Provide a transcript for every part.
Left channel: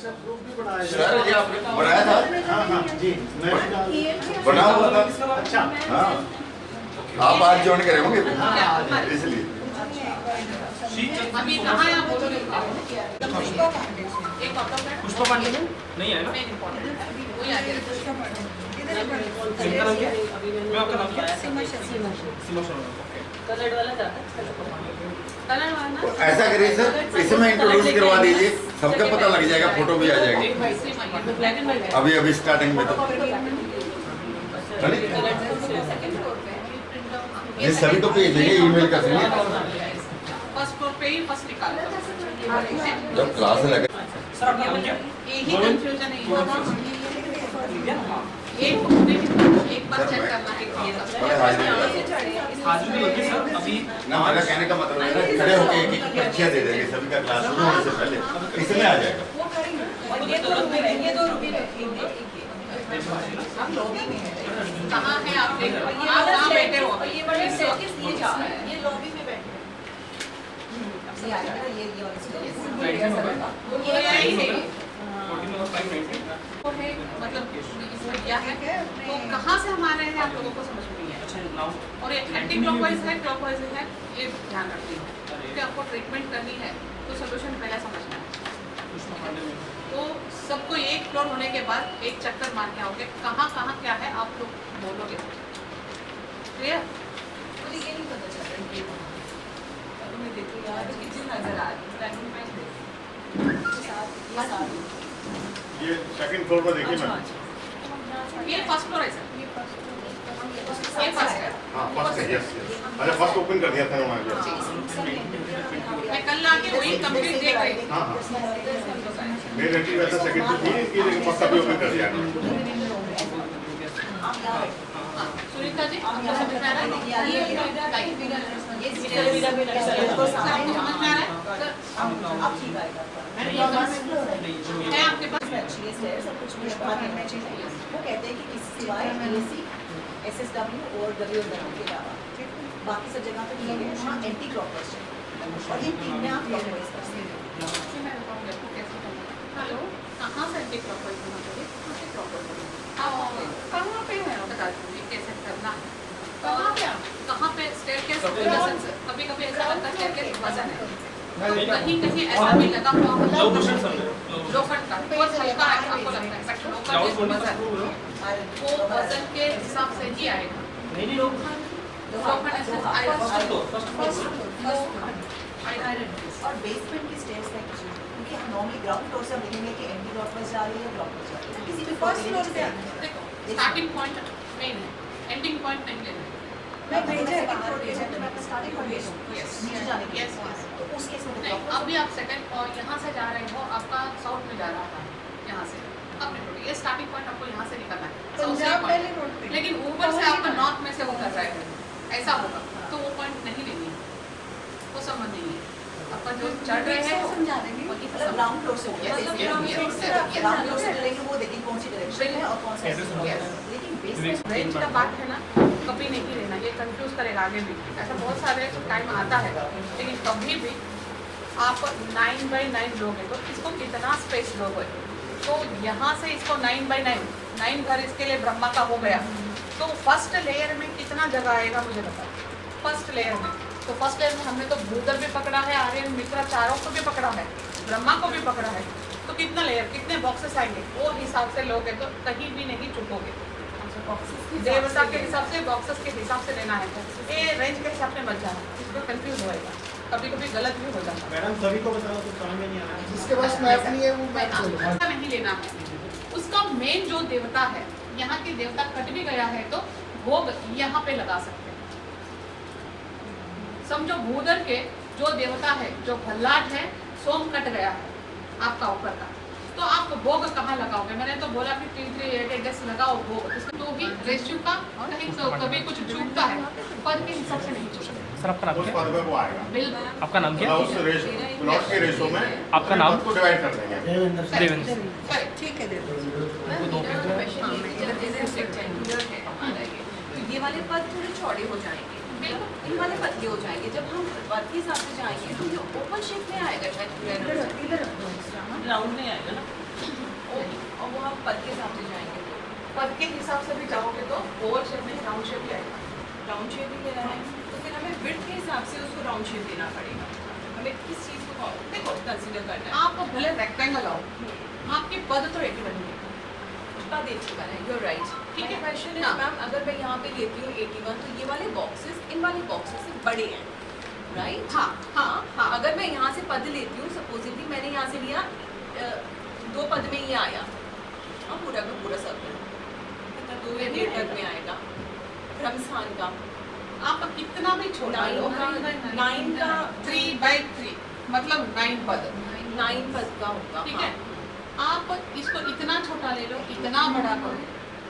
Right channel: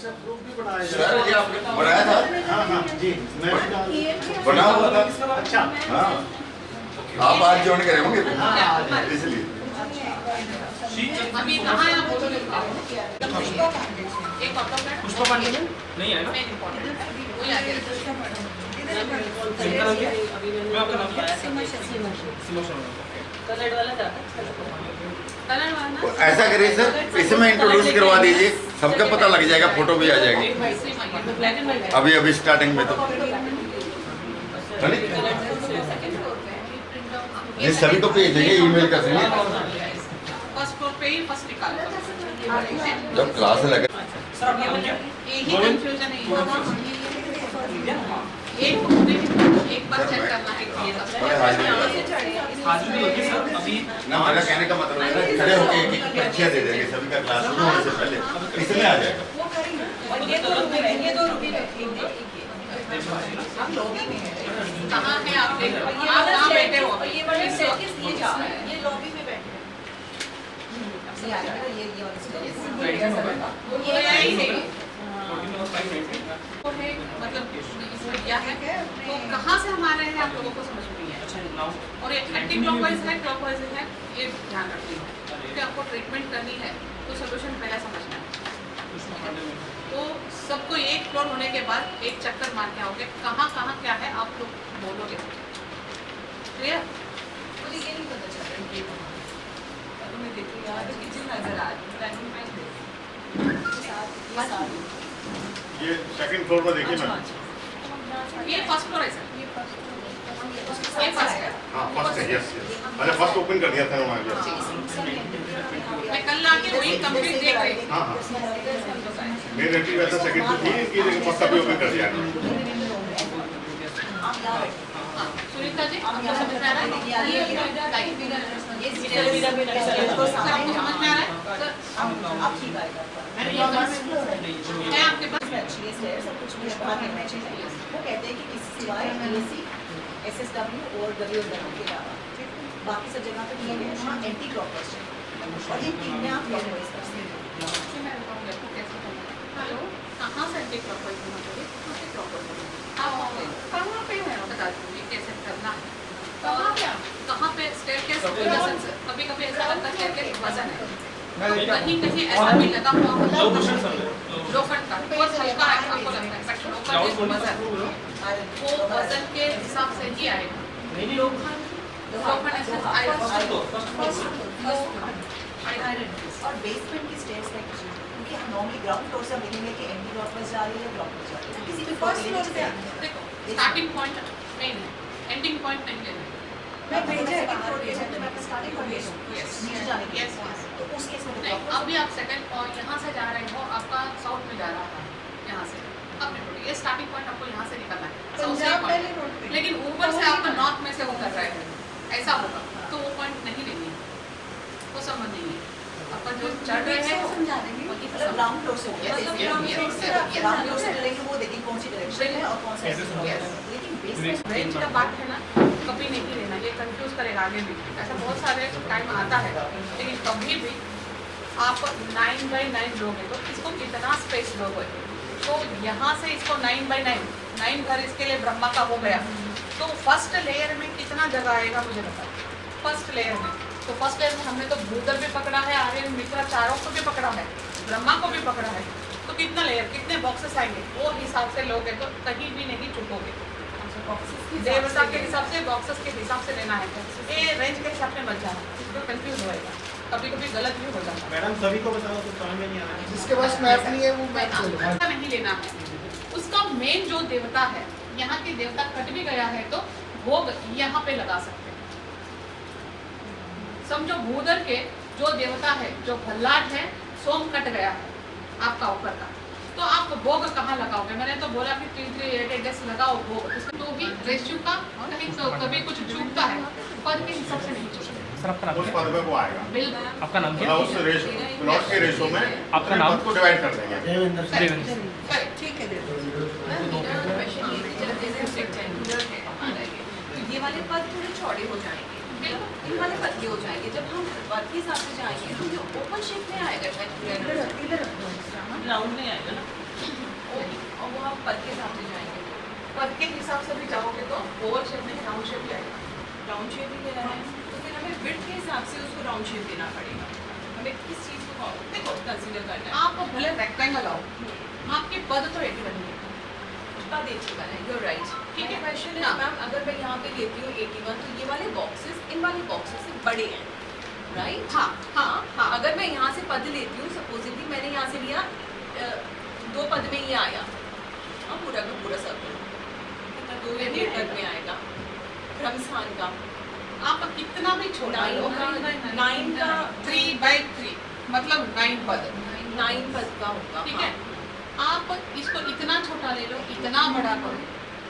Sir ये आपने बनाया था? हाँ हाँ जी, मैं बना हुआ था। अच्छा हाँ, आप आज ज्वाइन करे होंगे इसलिए। अभी कहाँ है आप बोलोगे? एक पुष्पा पांडे नहीं है ना? वही आगे मैं आपका नाम क्या है? सीमा शर्मा। कलर वाला जाता है। कलर वाला तो ऐसा करिए सर, इसमें इंट्रोड्यूस करवा दीजिए, सबका पता लग जाएगा, फोटो भी आ जाएगी। ब्लैक एंड व्हाइट अभी अभी स्टार्टिंग में तो ये सभी को भेज देंगे ईमेल कर देंगे फर्स्ट फ्लोर पे ही फर्स्ट निकालो। जब क्लास लगे। सर आपका नाम क्या? यही कंफ्यूजन है। एक बार चेक करना है कि ये सब आज भी होगी सर अभी ना, मेरा कहने का मतलब है ना, खड़े होके एक एक पर्चियाँ दे देंगे सभी का, क्लास शुरू होने से पहले इसमें आ जाएगा। ये दो रुपये हम लॉबी में है। कहाँ है आप देख लो, आप कहाँ बैठे हो? ये बड़े सर्किस ये जा रहा है, ये लॉबी में बैठे हैं। ये यही है। तो है मतलब क्या है, तो कहाँ से हम आ रहे हैं आप लोगों को समझ में नहीं है। और ये एंटी क्लॉकवाइज है, क्लॉकवाइज है, ये ध्यान रखिए। क्योंकि आपको ट्रीटमेंट करनी है तो सोल्यूशन पहले समझना है। तो सबको एक फ्लोर होने के बाद एक चक्कर मार के आओगे, कहाँ कहाँ क्या है आप लोग बोलोगे। क्लियर? मुझे ये नहीं पता चल रहा है। मैं देखो यार किचन नजर आ रही है। ये सेकंड फ्लोर पर देखिए मैम। ये फर्स्ट फ्लोर है सर। ये फर्स्ट है। हाँ फर्स्ट है, यस यस। अच्छा फर्स्ट ओपन कर दिया था वहाँ पे। मैं कल आके वही कंप्लीट देख रही थी। हाँ हाँ। मेरी एंट्री वैसा सेकंड फ्लोर थी इनकी, लेकिन फर्स्ट अभी ओपन कर दिया है। सुनीता जी आपको समझ में आ रहा है? ये समझ में आ रहा है? है आपके पास? वो कहते हैं कि किसी सिवाय एसी, एसएसडब्ल्यू और डब्ल्यूडब्ल्यू के अलावा बाकी सब जगह पे नहीं है, वहाँ एंटी क्लॉकवाइज है और ये तीन में आप क्लॉकवाइज कर सकते हैं। हेलो, कहाँ से एंटी क्लॉकवाइज होना चाहिए? कहाँ पे है? बता दीजिए कैसे करना है। कहाँ पे स्टेयरकेस वजन से कभी कभी ऐसा लगता है स्टेयरकेस वजन है, कहीं कहीं ऐसा भी लगा हुआ होता है लोखंड का बहुत हल्का है आपको लगता है, बट लोखंड वजन वो वजन के हिसाब से ही आएगा। लोखंड ऐसे और बेसमेंट की स्टेयर्स है कुछ, क्योंकि हम नॉर्मली ग्राउंड फ्लोर से हम देखेंगे कि एंटी क्लॉकवाइज जा रही है या क्लॉकवाइज जा रही है, किसी भी फर्स्ट फ्लोर से देखो स्टार्टिंग पॉइंट मेन है, एंडिंग पॉइंट नहीं लेना है। मैं भेजा है बाहर भेजा तो मैं स्टार्टिंग पॉइंट नीचे जाने के लिए, तो उस केस में नहीं, अभी आप सेकंड और यहाँ से जा रहे हो, आपका साउथ में जा रहा था यहाँ से, अब ये स्टार्टिंग पॉइंट आपको यहाँ से निकलना है साउथ से पॉइंट, लेकिन ऊपर से आपका नॉर्थ में से वो कर रहे हैं, ऐसा होगा तो वो पॉइंट नहीं लेनी है, वो संबंध नहीं है। अपन जो चढ़ रहे हैं समझा देंगे, मतलब ग्राउंड फ्लोर से ग्राउंड फ्लोर से चलेंगे, वो देखेंगे कौन सी डायरेक्शन है और कौन सा, लेकिन बेसमेंट रेंज का बात है ना, कभी नहीं लेना, ये कंफ्यूज करेगा आगे भी, ऐसा बहुत सारे टाइम आता है, लेकिन कभी भी आप 9x9 लोगे तो इसको कितना स्पेस लोगे, तो यहाँ से इसको 9x9 घर इसके लिए ब्रह्मा का हो गया, तो फर्स्ट लेयर में कितना जगह आएगा मुझे बताओ। फर्स्ट लेयर में तो फर्स्ट लेयर में हमने तो भूतल भी पकड़ा है, आर्यन मित्रा चारों को भी पकड़ा है, ब्रह्मा को भी पकड़ा है, तो कितना लेयर कितने बॉक्सेस आएंगे वो हिसाब से लोगे तो कहीं भी नहीं चुकोगे। देवता के हिसाब से बॉक्सेस के हिसाब से लेना है, ये रेंज के हिसाब से मत जाना, इसको कंफ्यूज होएगा, कभी कभी गलत भी हो जाता है। मैडम सभी को बताओ तो समझ में नहीं आ रहा है। जिसके पास मैप नहीं है वो मैप ऐसा नहीं लेना है, उसका मेन जो देवता है, यहाँ की देवता कट भी गया है तो भोग यहाँ पे लगा सकते हैं। समझो भूदर के जो देवता है, जो भल्लाट है, सोम कट गया है आपका ऊपर का, तो आप भोग कहाँ लगाओगे? मैंने तो बोला कि 3-3-8 डेज लगाओ भोग, इसमें तो भी रेशियो का कहीं तो कभी कुछ चूकता है, पद के हिसाब से नहीं चूकता। सर आपका नाम उस क्या? पद में वो आएगा, बिल्कुल आपका नाम क्या? मतलब उस रेशो प्लॉट के रेशो में आपका नाम? को डिवाइड कर देंगे। देवेंद्र। करेक्ट, ठीक है। ये वाले पद थोड़े चौड़े हो जाएंगे, इन वाले पतले हो जाएंगे, जब हम पद के हिसाब से जाएंगे तो ये ओपन शेप में आएगा, शायद राउंड नहीं आएगा ना। पद के हिसाब से जाएंगे तो पद के हिसाब से भी जाओगे तो ओवल शेप में राउंड शेप ही आएगा। राउंड शेप ही लेना है तो फिर हमें विड्थ के हिसाब से उसको राउंड शेप देना पड़ेगा। हमें किस चीज़ को देखो कंसीडर करना है। आप भले रेक्टेंगल आओ, आपके पद तो 81 है। पद 81 है, you're right। ठीक है, क्वेश्चन है हाँ। मैम अगर मैं यहाँ पे लेती हूँ 81 तो ये वाले बॉक्सेस इन वाले बॉक्सेस से बड़े हैं, राइट? हाँ हाँ हाँ। अगर मैं यहाँ से पद लेती हूँ, सपोजिटली मैंने यहाँ से लिया 2 पद में ये आया, हाँ पूरा का पूरा सर्कल कितना 2 या 1.5 तक में आएगा ब्रह्मस्थान का। आप कितना भी छोटा लो, 9 का 3/3 मतलब 9 पद, 9 पद का होगा, ठीक है। हाँ। आप इसको इतना छोटा ले लो, इतना बड़ा करो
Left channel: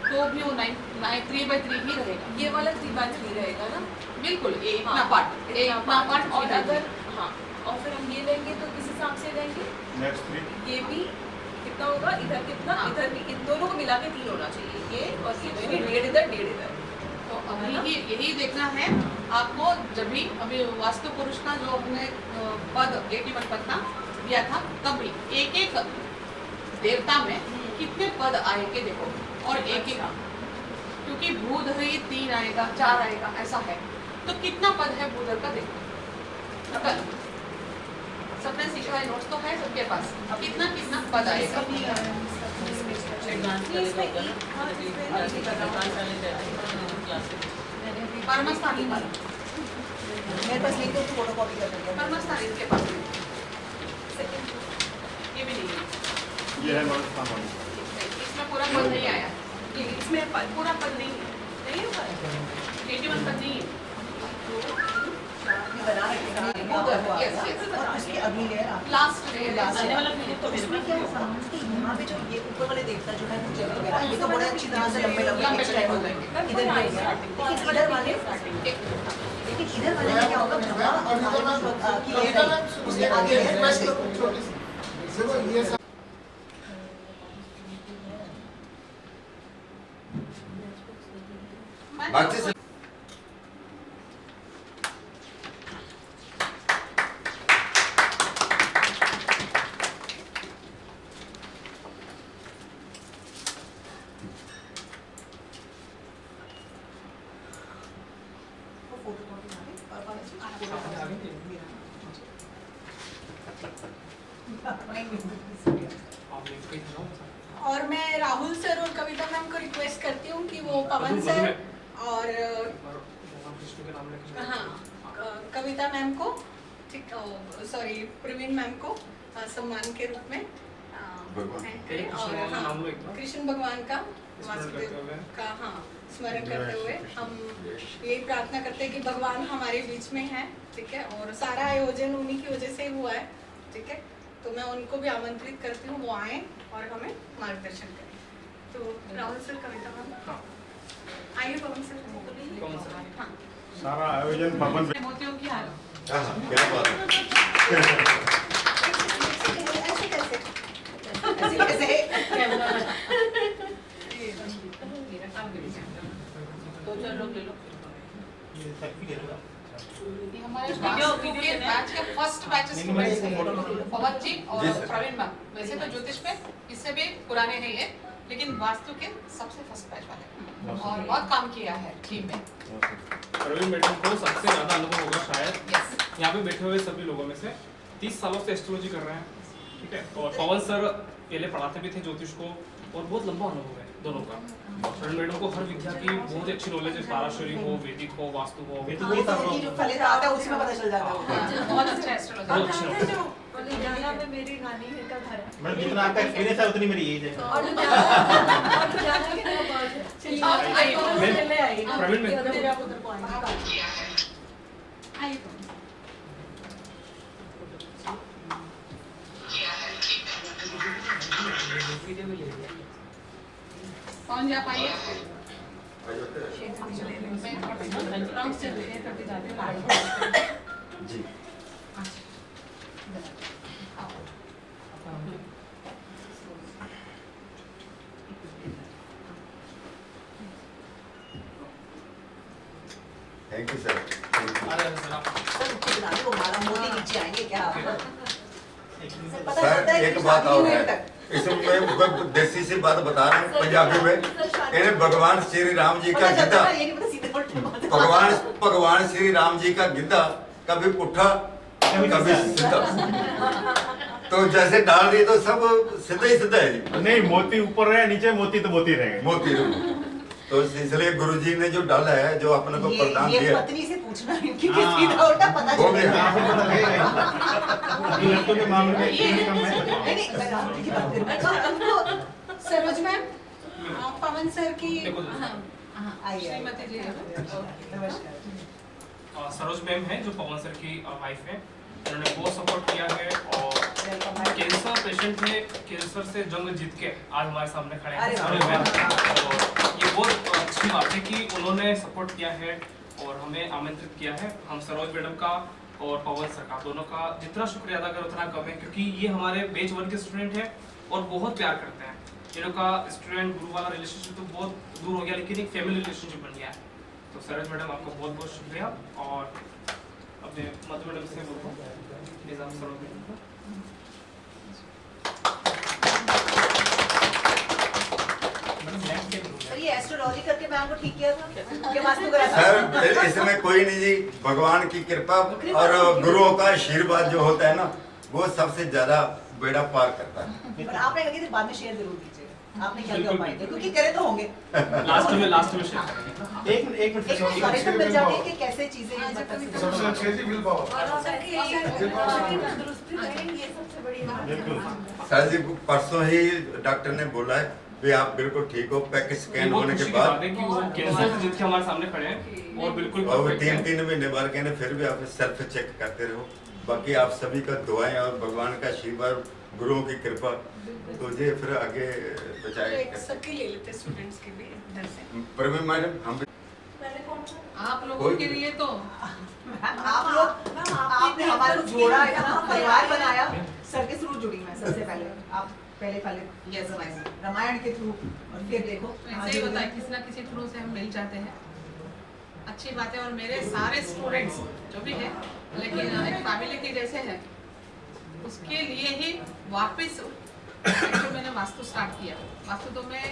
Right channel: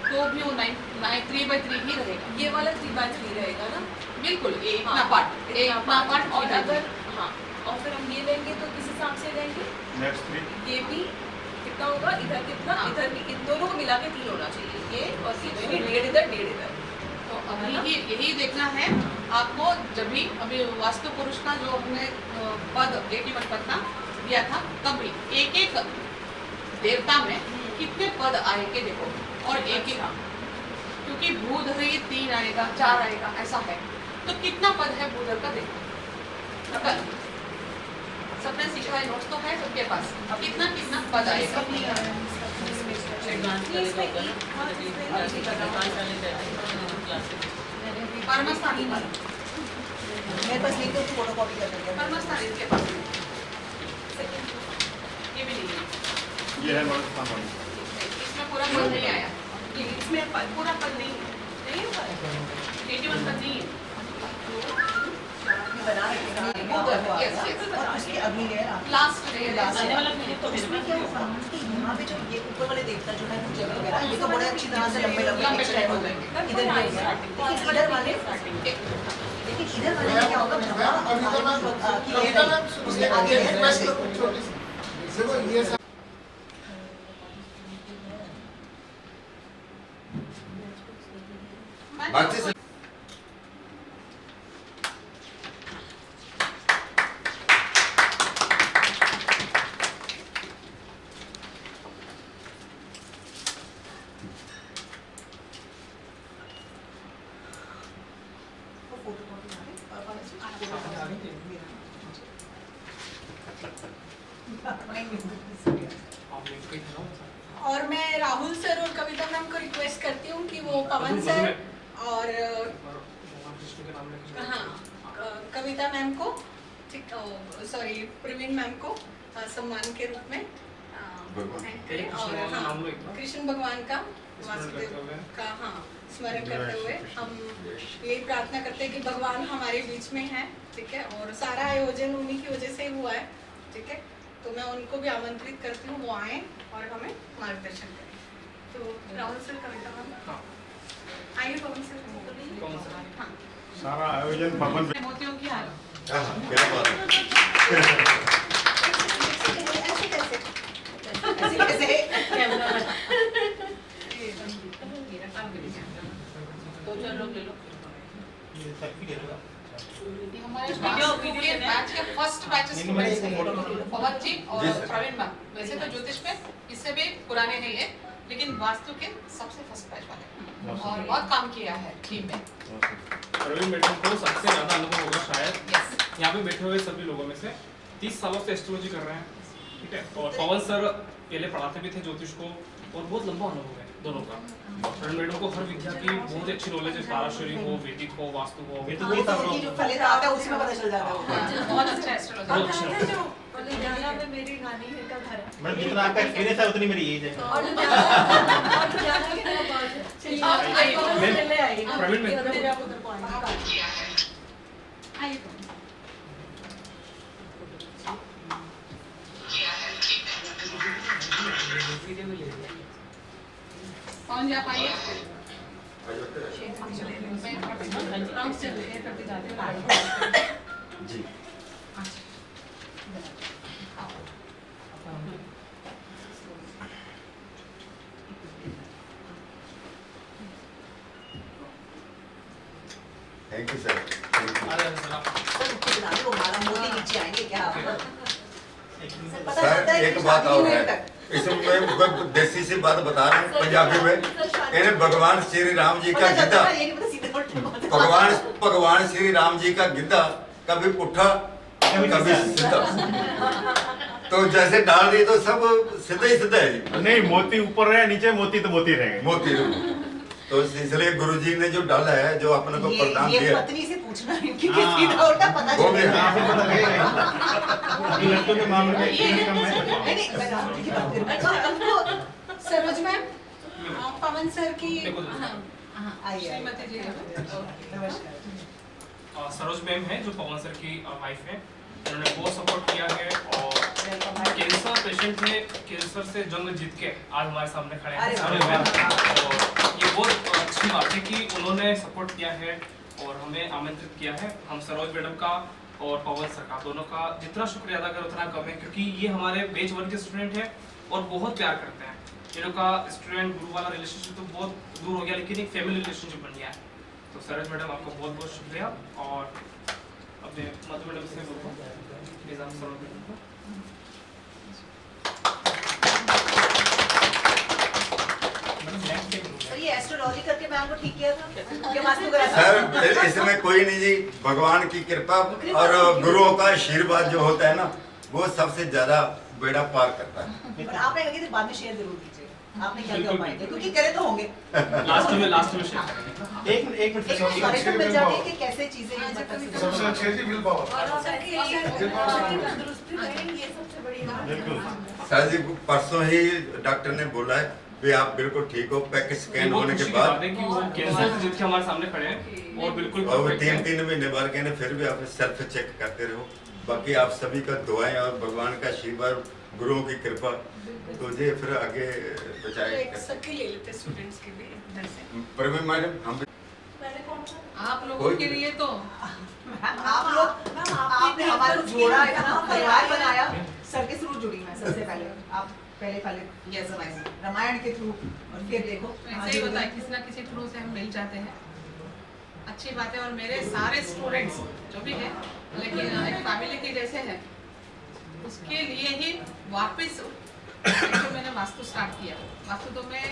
तो भी वो 3/3 ही रहेगा। ये वाला 3/3 रहेगा ना, बिल्कुल ये इतना हाँ, पार्ट, इतना पार्ट। और अगर हाँ और फिर हम ये लेंगे तो किस हिसाब से लेंगे? नेक्स्ट 3 ये भी कितना होगा, इधर कितना, हाँ। इधर भी, इन दोनों को मिला के 3 होना चाहिए, ये और ये दोनों 1.5 इधर 1.5 इधर। तो अभी यही देखना है आपको। जब भी अभी वास्तु पुरुष का जो हमने पद 81 पद का दिया था, तब भी एक एक देवता में कितने पद आएंगे देखो, और एक एक, क्योंकि भूधर ये 3 आएगा 4 आएगा ऐसा है, तो कितना पद है भूधर का देखो। अगर सबने सीखा है, नोट्स तो है सबके पास, कितना कितना पद आएगा। परमस्थानी पद, मेरे पास नहीं तो फोटो कॉपी कर देंगे। परमस्थानी इसके पास ये भी नहीं है, ये है नॉन सामान। इसमें पूरा पद नहीं आया, इसमें पूरा पद नहीं है, नहीं है पद, 81 पद नहीं है। बना रखेगा Yes, yes. और उसके अगली लेयर आप लास्ट लेयर, तो उसमें क्या होगा कि यहाँ पे जो ये ऊपर वाले देवता जो है पूजा वगैरह ये तो बड़े अच्छी तरह से लंबे लंबे लंबे एक्सटेंड हो हो जाएंगे जाएंगे। इधर भी हो गया। लेकिन इधर वाले लेकिन इधर वाले में क्या होगा भगवान की लेयर है, उसके आगे लेयर है। छोटी सी देखो ये सब बाकी से और मैं राहुल सर और कविता मैम को रिक्वेस्ट करती हूँ कि वो पवन सर और हाँ कविता मैम को, ठीक, सॉरी प्रवीण मैम को सम्मान के रूप में और हाँ कृष्ण भगवान का वासुदेव का हाँ स्मरण करते हुए हम यही प्रार्थना करते हैं कि भगवान हमारे बीच में है, ठीक है, और सारा आयोजन उन्हीं की वजह से हुआ है, ठीक है। तो मैं उनको भी आमंत्रित करती हूँ वो आए और हमें मार्गदर्शन करें। तो राहुल सर, कविता मैम आइए, पवन सर। हाँ, सारा आयोजन पवन मोतियों की हार। क्या बात है। ऐसे कैसे ये हमारे वास्तु के बैच के फर्स्ट बैच स्टूडेंट्स हैं, पवन जी और जी सर। प्रवीण मैम। वैसे तो ज्योतिष में इससे भी पुराने हैं ये, लेकिन वास्तु के सबसे फर्स्ट बैच वाले और बहुत काम किया है टीम में। प्रवीण मैडम को सबसे ज्यादा अनुभव होगा शायद यस, यहाँ पे बैठे हुए सभी लोगों में से। 30 सालों से एस्ट्रोलॉजी कर रहे हैं, ठीक है। और पवन सर पहले पढ़ाते भी थे ज्योतिष को, और बहुत लंबा अनुभव है दोनों का। प्रवीण मैडम को हर विद्या की बहुत ही अच्छी नॉलेज है, पाराशरी हो, वैदिक हो, वास्तु हो, ये तो जो फलित आता है उसमें पता चल जाता है। बहुत अच्छा एस्ट्रोलॉजर। बहुत अच्छा। लुधियाना में मेरी नानी है का घर है मैडम जितना आपका एक्सपीरियंस है उतनी मेरी एज है। और लुधियाना की क्या बात है। चलिए आप आइए। आप पहले आइए। प्रवीण मैम। फिर आप उधर को आइए। आइए तो। कौन जा पाइए? जी thank you sir, thank you. Sir कितना वो माला मोती नीचे आएंगे क्या? पता सर, चलता है एक कि बात शादी और में है। तक इसमें देसी सी बात बता रहा हूँ पंजाबी में, कहने भगवान श्री राम जी का गिद्धा, भगवान श्री राम जी का गिद्धा कभी उठा कभी सीधा, तो जैसे डाल दी तो सब सीधा ही सीधा है जी। नहीं, मोती ऊपर रहे नीचे, मोती तो मोती रहेंगे। मोती तो इसलिए गुरुजी ने जो डाला है, जो अपने को प्रदान ये दिया, पत्नी से पूछना है कि सीधा उल्टा पता वो भी चलेगा। लड़कों के मामले में एक कम है। नहीं, मैं राहुल की बात कर रही हूँ। सरोज मैम, पवन सर की देखो आइए, श्रीमती जी नमस्कार। सरोज मैम है जो पवन सर की वाइफ है, उन्होंने बहुत सपोर्ट किया है और कैंसर पेशेंट ने कैंसर से जंग जीत के आज हमारे सामने खड़े हैं सरोज मैम। और ये बहुत अच्छी बात है कि उन्होंने सपोर्ट किया है और हमें आमंत्रित किया है। हम सरोज मैडम का और पवन सर का दोनों का जितना शुक्रिया अदा करें उतना कम है, क्योंकि ये हमारे बैच 1 के स्टूडेंट हैं और बहुत प्यार करते हैं। इन लोग का स्टूडेंट गुरु वाला रिलेशनशिप तो बहुत दूर हो गया, लेकिन एक फैमिली रिलेशनशिप बन गया है। तो सरोज मैडम आपका बहुत बहुत शुक्रिया। और अपने मधु मैडम से बोलूँ प्लीज आप सरोज मैडम को। सर ये एस्ट्रोलॉजी करके मैम को ठीक किया था क्या वास्तु करा था? सर इसमें कोई नहीं जी, भगवान की कृपा और गुरुओं का आशीर्वाद जो होता है ना, वो सबसे ज्यादा बेड़ा पार करता है। पर आपने कहा कि बाद में शेयर जरूर कीजिए, आपने क्या क्या उपाय किए, क्योंकि करे तो होंगे। लास्ट में शेयर करेंगे। एक मिनट एक सॉल्यूशन मिल जाती है कि कैसे चीजें सबसे अच्छी है जी विल पावर। बिल्कुल। सर जी परसों ही डॉक्टर ने बोला है भी आप बिल्कुल ठीक हो, पैकेज स्कैन होने के बाद, कि वो कैंसर से जीत के हमारे सामने खड़े हैं और बिल्कुल और perfect हैं। 3 महीने बाद कहने फिर भी आप सेल्फ चेक करते रहो। बाकी आप सभी का दुआएं और भगवान का आशीर्वाद, गुरुओं की कृपा तो ये फिर आगे बचाए। एक सबके ले लेते स्टूडेंट्स के लिए इधर से। प्रवीण मैडम हम आप लोगों के लिए तो आप लोग आपने हमारे को जोड़ा है ना, परिवार बनाया। सर के थ्रू जुड़ी मैं सबसे पहले, आप पहले यस रामायण के थ्रू, और फिर देखो ऐसे ही होता है, किसी ना किसी थ्रू से हम मिल जाते हैं। अच्छी बात है। और मेरे सारे स्टूडेंट्स जो भी है, लेकिन एक फैमिली के जैसे है, उसके लिए ही वापस मैंने वास्तु स्टार्ट किया। वास्तु तो मैं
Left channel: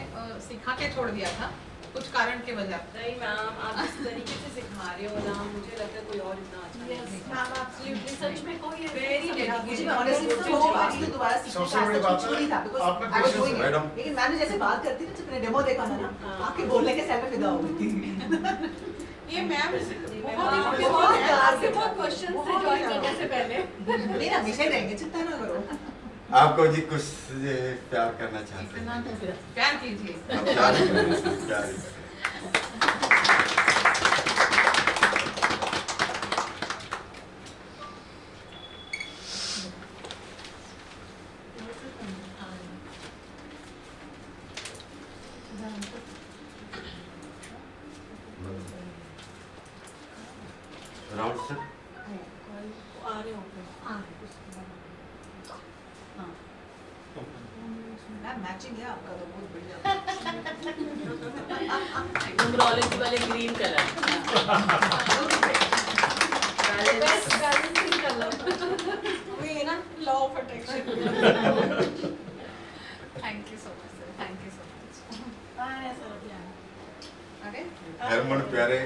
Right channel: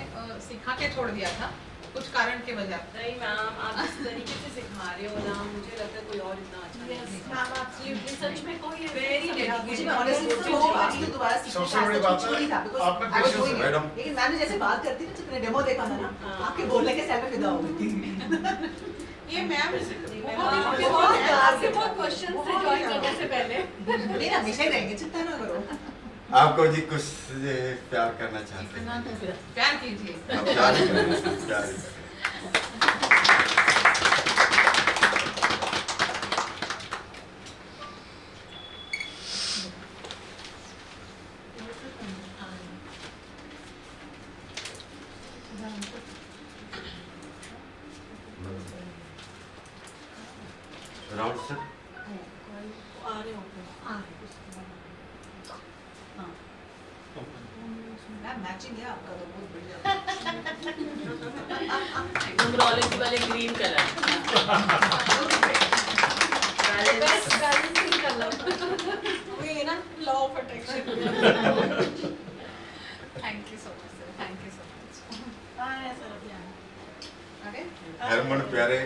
सिखा के छोड़ दिया था कुछ कारण के वजह। नहीं मैम, आप इस तरीके से सिखा रहे हो ना, मुझे लगता है कोई और इतना अच्छा नहीं सिखा। सच में कोई वेरी मुझे मैं ऑनेस्टली वो वास्तु दोबारा सीखने सबसे बड़ी बात है, नहीं था, आपने because I was patience doing madam. लेकिन मैंने जैसे बात करती थी, जब मैंने डेमो देखा था ना, आपके बोलने के सेल पे फिदा हो गई थी। ये मैम बहुत क्वेश्चन थे ज्वाइन करने से पहले। नहीं ना, विषय रहेंगे, चिंता ना करो। आपको जी कुछ प्यार करना चाहते हैं, प्यार कीजिए। आप प्यार ही करें, प्यार ही करें। राउंड सर आ रहे हो मैम, मैचिंग है आपका तो बहुत बढ़िया। न्यूमरोलॉजी वाले green colour. Best balancing colour. वही ना, law of attraction. Thank you so much sir, thank you so much. अरे हरमन प्यारे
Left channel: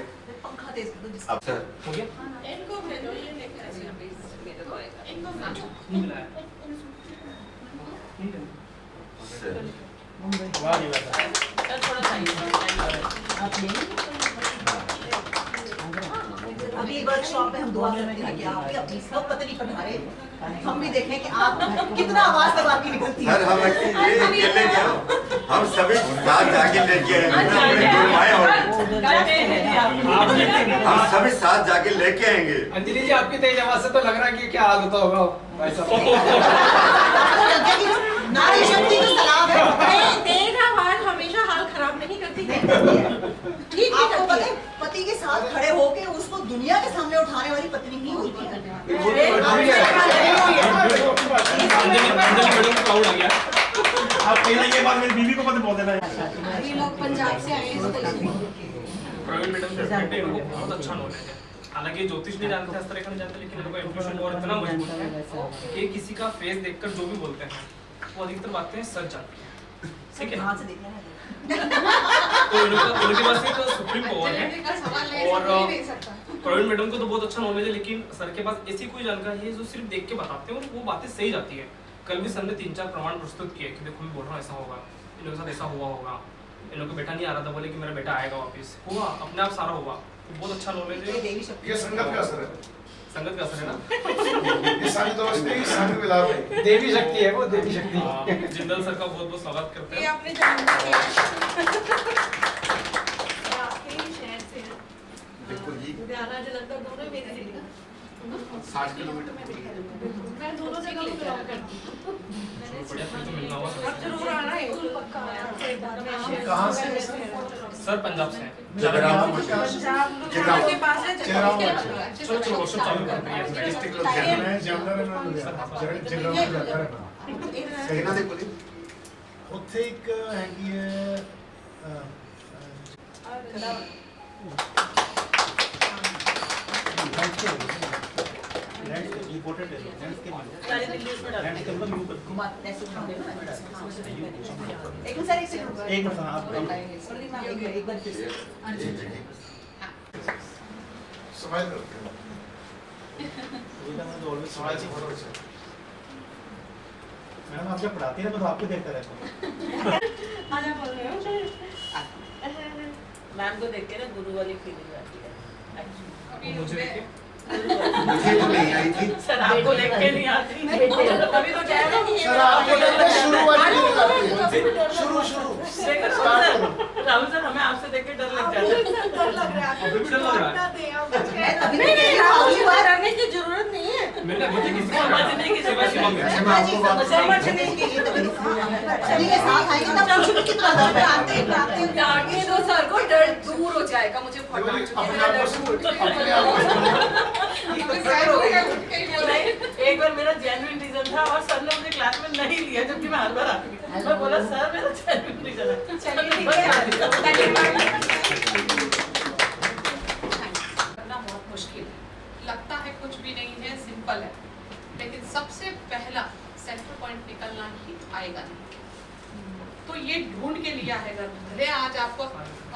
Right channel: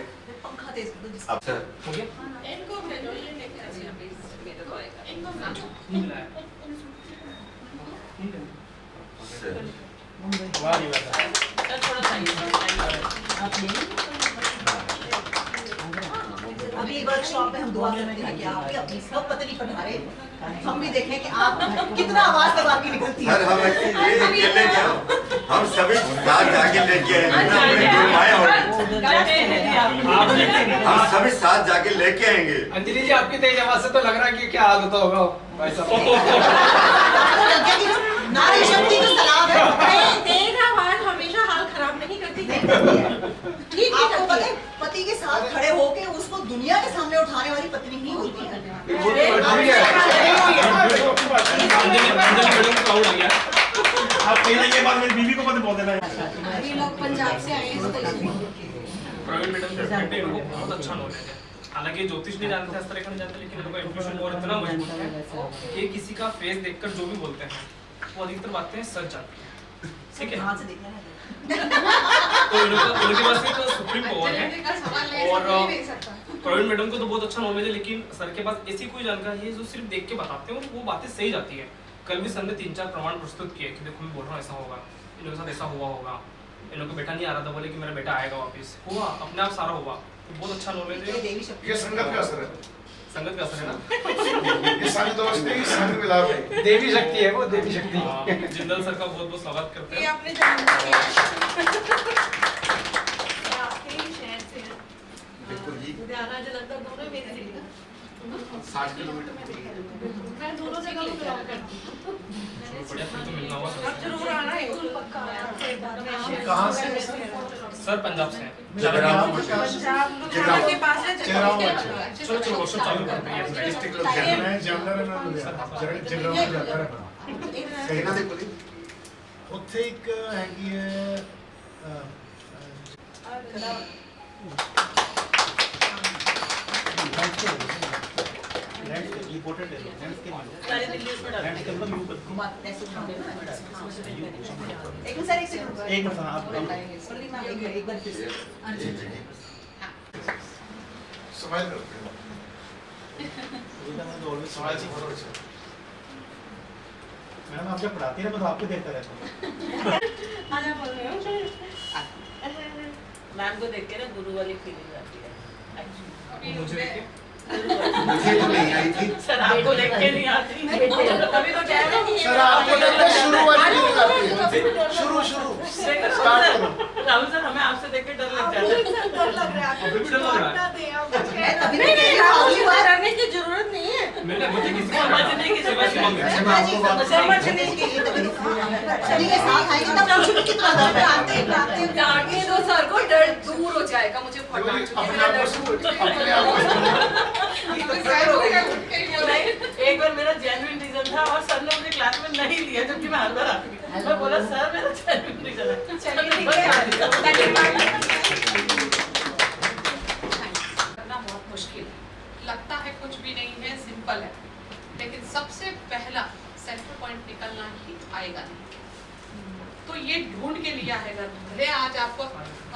पंखा तेज कर दो जिसका। आप सर हो गया? इनको भेजो, ये लेके आइए प्लीज। मेरे को आएगा। इनको भेजो। नहीं मिला है। सर सर थोड़ा चाहिए। अभी वर्कशॉप में हम दुआ करेंगे कि आप भी अपनी सब पत्नी पधारे, हम भी देखें कि आप कितना आवाज तब आपकी निकलती है। सर हम ये लेके आओ, हम सभी साथ जाके लेके आएंगे ना, अपने गुरु आए होंगे, हम सभी साथ जाके लेके आएंगे। अंजलि जी आपकी तेज आवाज से तो लग रहा है कि क्या हाल होता होगा भाई साहब। नारी शक्ति को सलाम है। तेज आवाज हमेशा हाल खराब नहीं करती। ठीक है, आपको पता है पति के साथ खड़े होके उसको दुनिया के सामने उठाने वाली पत्नी ही होती है। अंजलि मैडम को प्राउड आ गया। आप पहले ये बात मेरी बीवी को मत बोल देना। ये लोग पंजाब से आए हैं प्रवीण मैडम डेफिनेटली इनको बहुत अच्छा नॉलेज है। हालांकि ज्योतिष नहीं जानते, हस्तरेखा नहीं जानते, लेकिन इनका इंट्यूशन और इतना मजबूत है कि किसी का फेस देखकर जो भी बोलते हैं वो अधिकतर बातें सच जाती हैं, ठीक है। ध्यान से देखना है। तो इनके पास एक सुप्रीम पावर है और प्रवीण मैडम को तो बहुत अच्छा नॉलेज है, लेकिन सर के पास ऐसी कोई जानकारी है जो सिर्फ देख के बताते हैं और वो बातें सही जाती है। कल भी सर ने 3-4 प्रमाण प्रस्तुत किए कि देखो मैं बोल रहा हूँ ऐसा होगा, इन लोगों के साथ ऐसा हुआ होगा, इन लोगों को बेटा नहीं आ रहा था, बोले कि मेरा बेटा आएगा वापस, हुआ अपने आप सारा हुआ। तो बहुत अच्छा नॉलेज है। ये संगत का असर है, संगत का असर है ना। ये सारी दोस्ती संग में लाभ है। देवी शक्ति है वो, देवी शक्ति। जिंदल सर का बहुत बहुत स्वागत करते ये हैं। आपने जान लिया। बिल्कुल जी। लुधियाना जलंधर दोनों मेरी सिटी का 60 किलोमीटर। मैं दोनों जगह को बिलोंग करती हूँ। बढ़िया, फिर तो मिलना होगा अब जरूर आना है पक्का। कहाँ से? सर पंजाब से हैं। जगराम पंजाब के पास है जगराम। चलो चलो वर्कशॉप चालू करते हैं। डिस्ट्रिक्ट लुधियाना है, जामनगर है ना लुधियाना। जगराम में जाता है ना। ਇਹਨਾਂ ਦੇ ਕੋਲ ਉੱਥੇ ਇੱਕ ਹੈਗੀ ਹੈ सारी दिल्ली उसमें डाल एक मिनट सर, एक सेकंड। एक मिनट आप एक बार फिर से। स्माइल करते हैं। स्माइल से फोटो खींचो। मैडम आप जब पढ़ाती है मैं तो आपको देखता रहता हूँ। आजा बोल रहे हो। मैम को देख के ना गुरु वाली फीलिंग आती है एक्चुअली। अभी मुझे देखिए मुझे तो नहीं आई थी। सर आपको देख के नहीं आती, अभी तो कह रहे हैं सर आपको लगता है शुरू वाली फीलिंग आती है। शुरू राहुल सर हमें आपसे देख के डर लग जाता है। डर लग रहा है अभी भी डर लग रहा है। नहीं राहुल बात करने की जरूरत नहीं है। मैंने मुझे किसी को समझने की सेवा जरूरत की नहीं मांग है। समझने के लिए तभी सभी के साथ आएंगे तब कुछ भी कितना दर्द है। डांटने दो सर को, डर दूर हो जाएगा मुझे अपने आप को नहीं, एक बार मेरा जेन्युइन रीजन था और सर ने मुझे क्लास में नहीं लिया जबकि मैं हर बार आती थी। मैं बोला सर मेरा जेन्युइन रीजन है। चलिए ठीक बस है। आ जाओ। करना बहुत मुश्किल है, लगता है कुछ भी नहीं है, सिंपल है, लेकिन सबसे पहला सेंटर पॉइंट निकलना ही आएगा नहीं। तो ये ढूंढ के लिया है, अगर भले आज आपको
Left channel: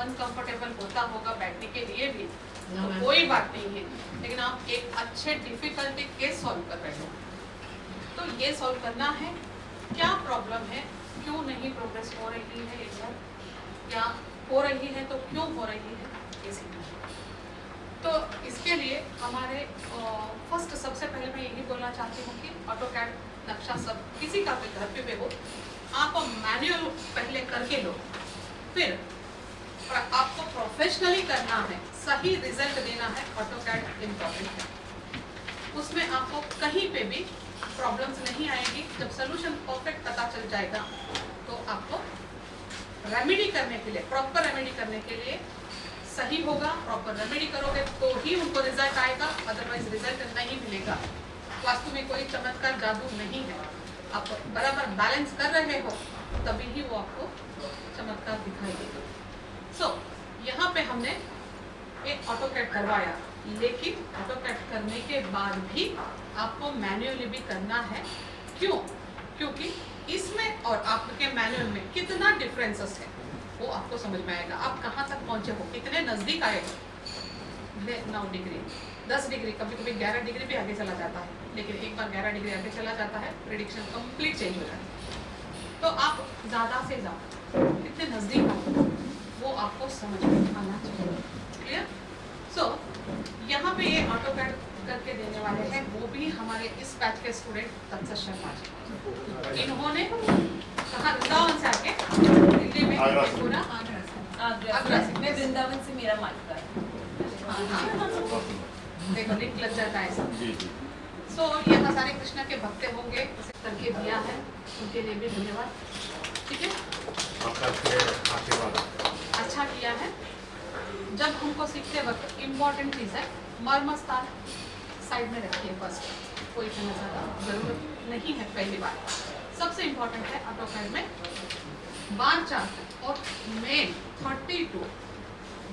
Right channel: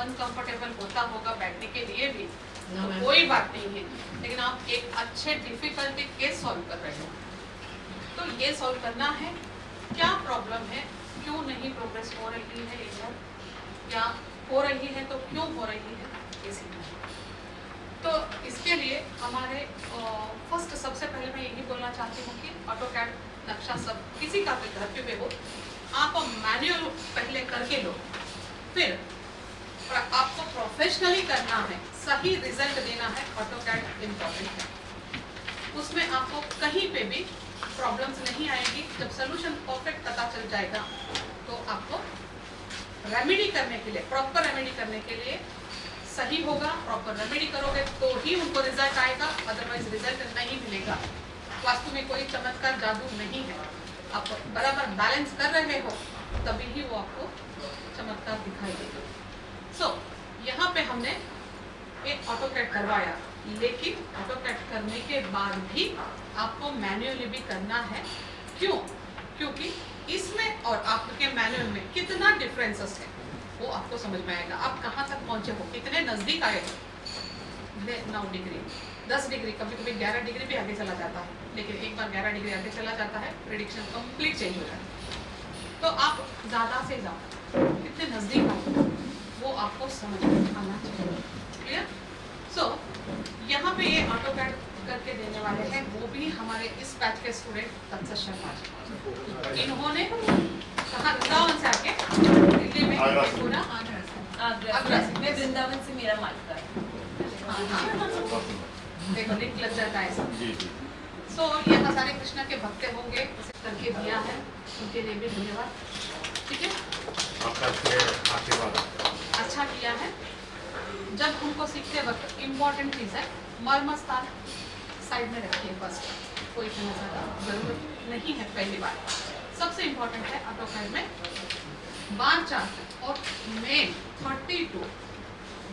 अनकंफर्टेबल होता होगा बैठने के लिए भी तो कोई बात नहीं है, लेकिन आप एक अच्छे डिफिकल्टी केस सॉल्व कर रहे हो। तो ये सॉल्व करना है, क्या प्रॉब्लम है, क्यों नहीं प्रोग्रेस हो रही है इधर, या हो रही है तो क्यों हो रही है, ये सीखना है। तो इसके लिए हमारे फर्स्ट सबसे पहले मैं यही बोलना चाहती हूँ कि ऑटोकैड नक्शा सब किसी का भी घर पे हो, आप मैनुअल पहले करके लो, फिर आपको प्रोफेशनली करना है, सही रिजल्ट देना है, ऑटोकैड इम्पोर्टेंट है। उसमें आपको कहीं पे भी प्रॉब्लम्स नहीं आएगी। जब सोल्यूशन परफेक्ट पता चल जाएगा तो आपको रेमेडी करने के लिए, प्रॉपर रेमेडी करने के लिए सही होगा। प्रॉपर रेमेडी करोगे तो ही उनको रिजल्ट आएगा, अदरवाइज रिजल्ट नहीं मिलेगा। वास्तु में कोई चमत्कार जादू नहीं है, आप बराबर बैलेंस कर रहे हो तभी ही वो आपको चमत्कार दिखाई देगा। सो यहाँ पे हमने एक ऑटोकैड करवाया, लेकिन ऑटोकैड करने के बाद भी आपको मैन्युअली भी करना है। क्यों? क्योंकि इसमें और आपके मैनुअल में कितना डिफरेंसेस है वो आपको समझ में आएगा। आप कहाँ तक पहुँचे हो, कितने नज़दीक आए हो। 9 डिग्री, 10 डिग्री, कभी कभी 11 डिग्री भी आगे चला जाता है, लेकिन एक बार 11 डिग्री आगे चला जाता है प्रेडिक्शन कंप्लीट चेंज हो जाता है। तो आप ज़्यादा से ज़्यादा कितने नज़दीक आए वो आपको समझ में आना चाहिए। क्लियर? सो यहाँ पे ये ऑटोकैड करके देने वाले हैं, वो भी हमारे इस बैच के स्टूडेंट तत्सत शर्मा। इन्होंने कहाँ वृंदावन से आके दिल्ली में पूरा आगरा से, मैं वृंदावन से, मेरा मालिका है। देखो लिंक लग जाता है सब। सो यहाँ सारे कृष्णा के भक्त होंगे, इसे करके दिया है, उनके लिए भी धन्यवाद। ठीक है, अच्छा किया है। जब हमको सीखते वक्त इम्पोर्टेंट चीज़ है मर्म स्थान साइड में रखिए फर्स्ट, कोई ज़्यादा जरूरत नहीं है। पहली बार सबसे इम्पोर्टेंट है ऑटोकैड में बार चार्ट और मेन 32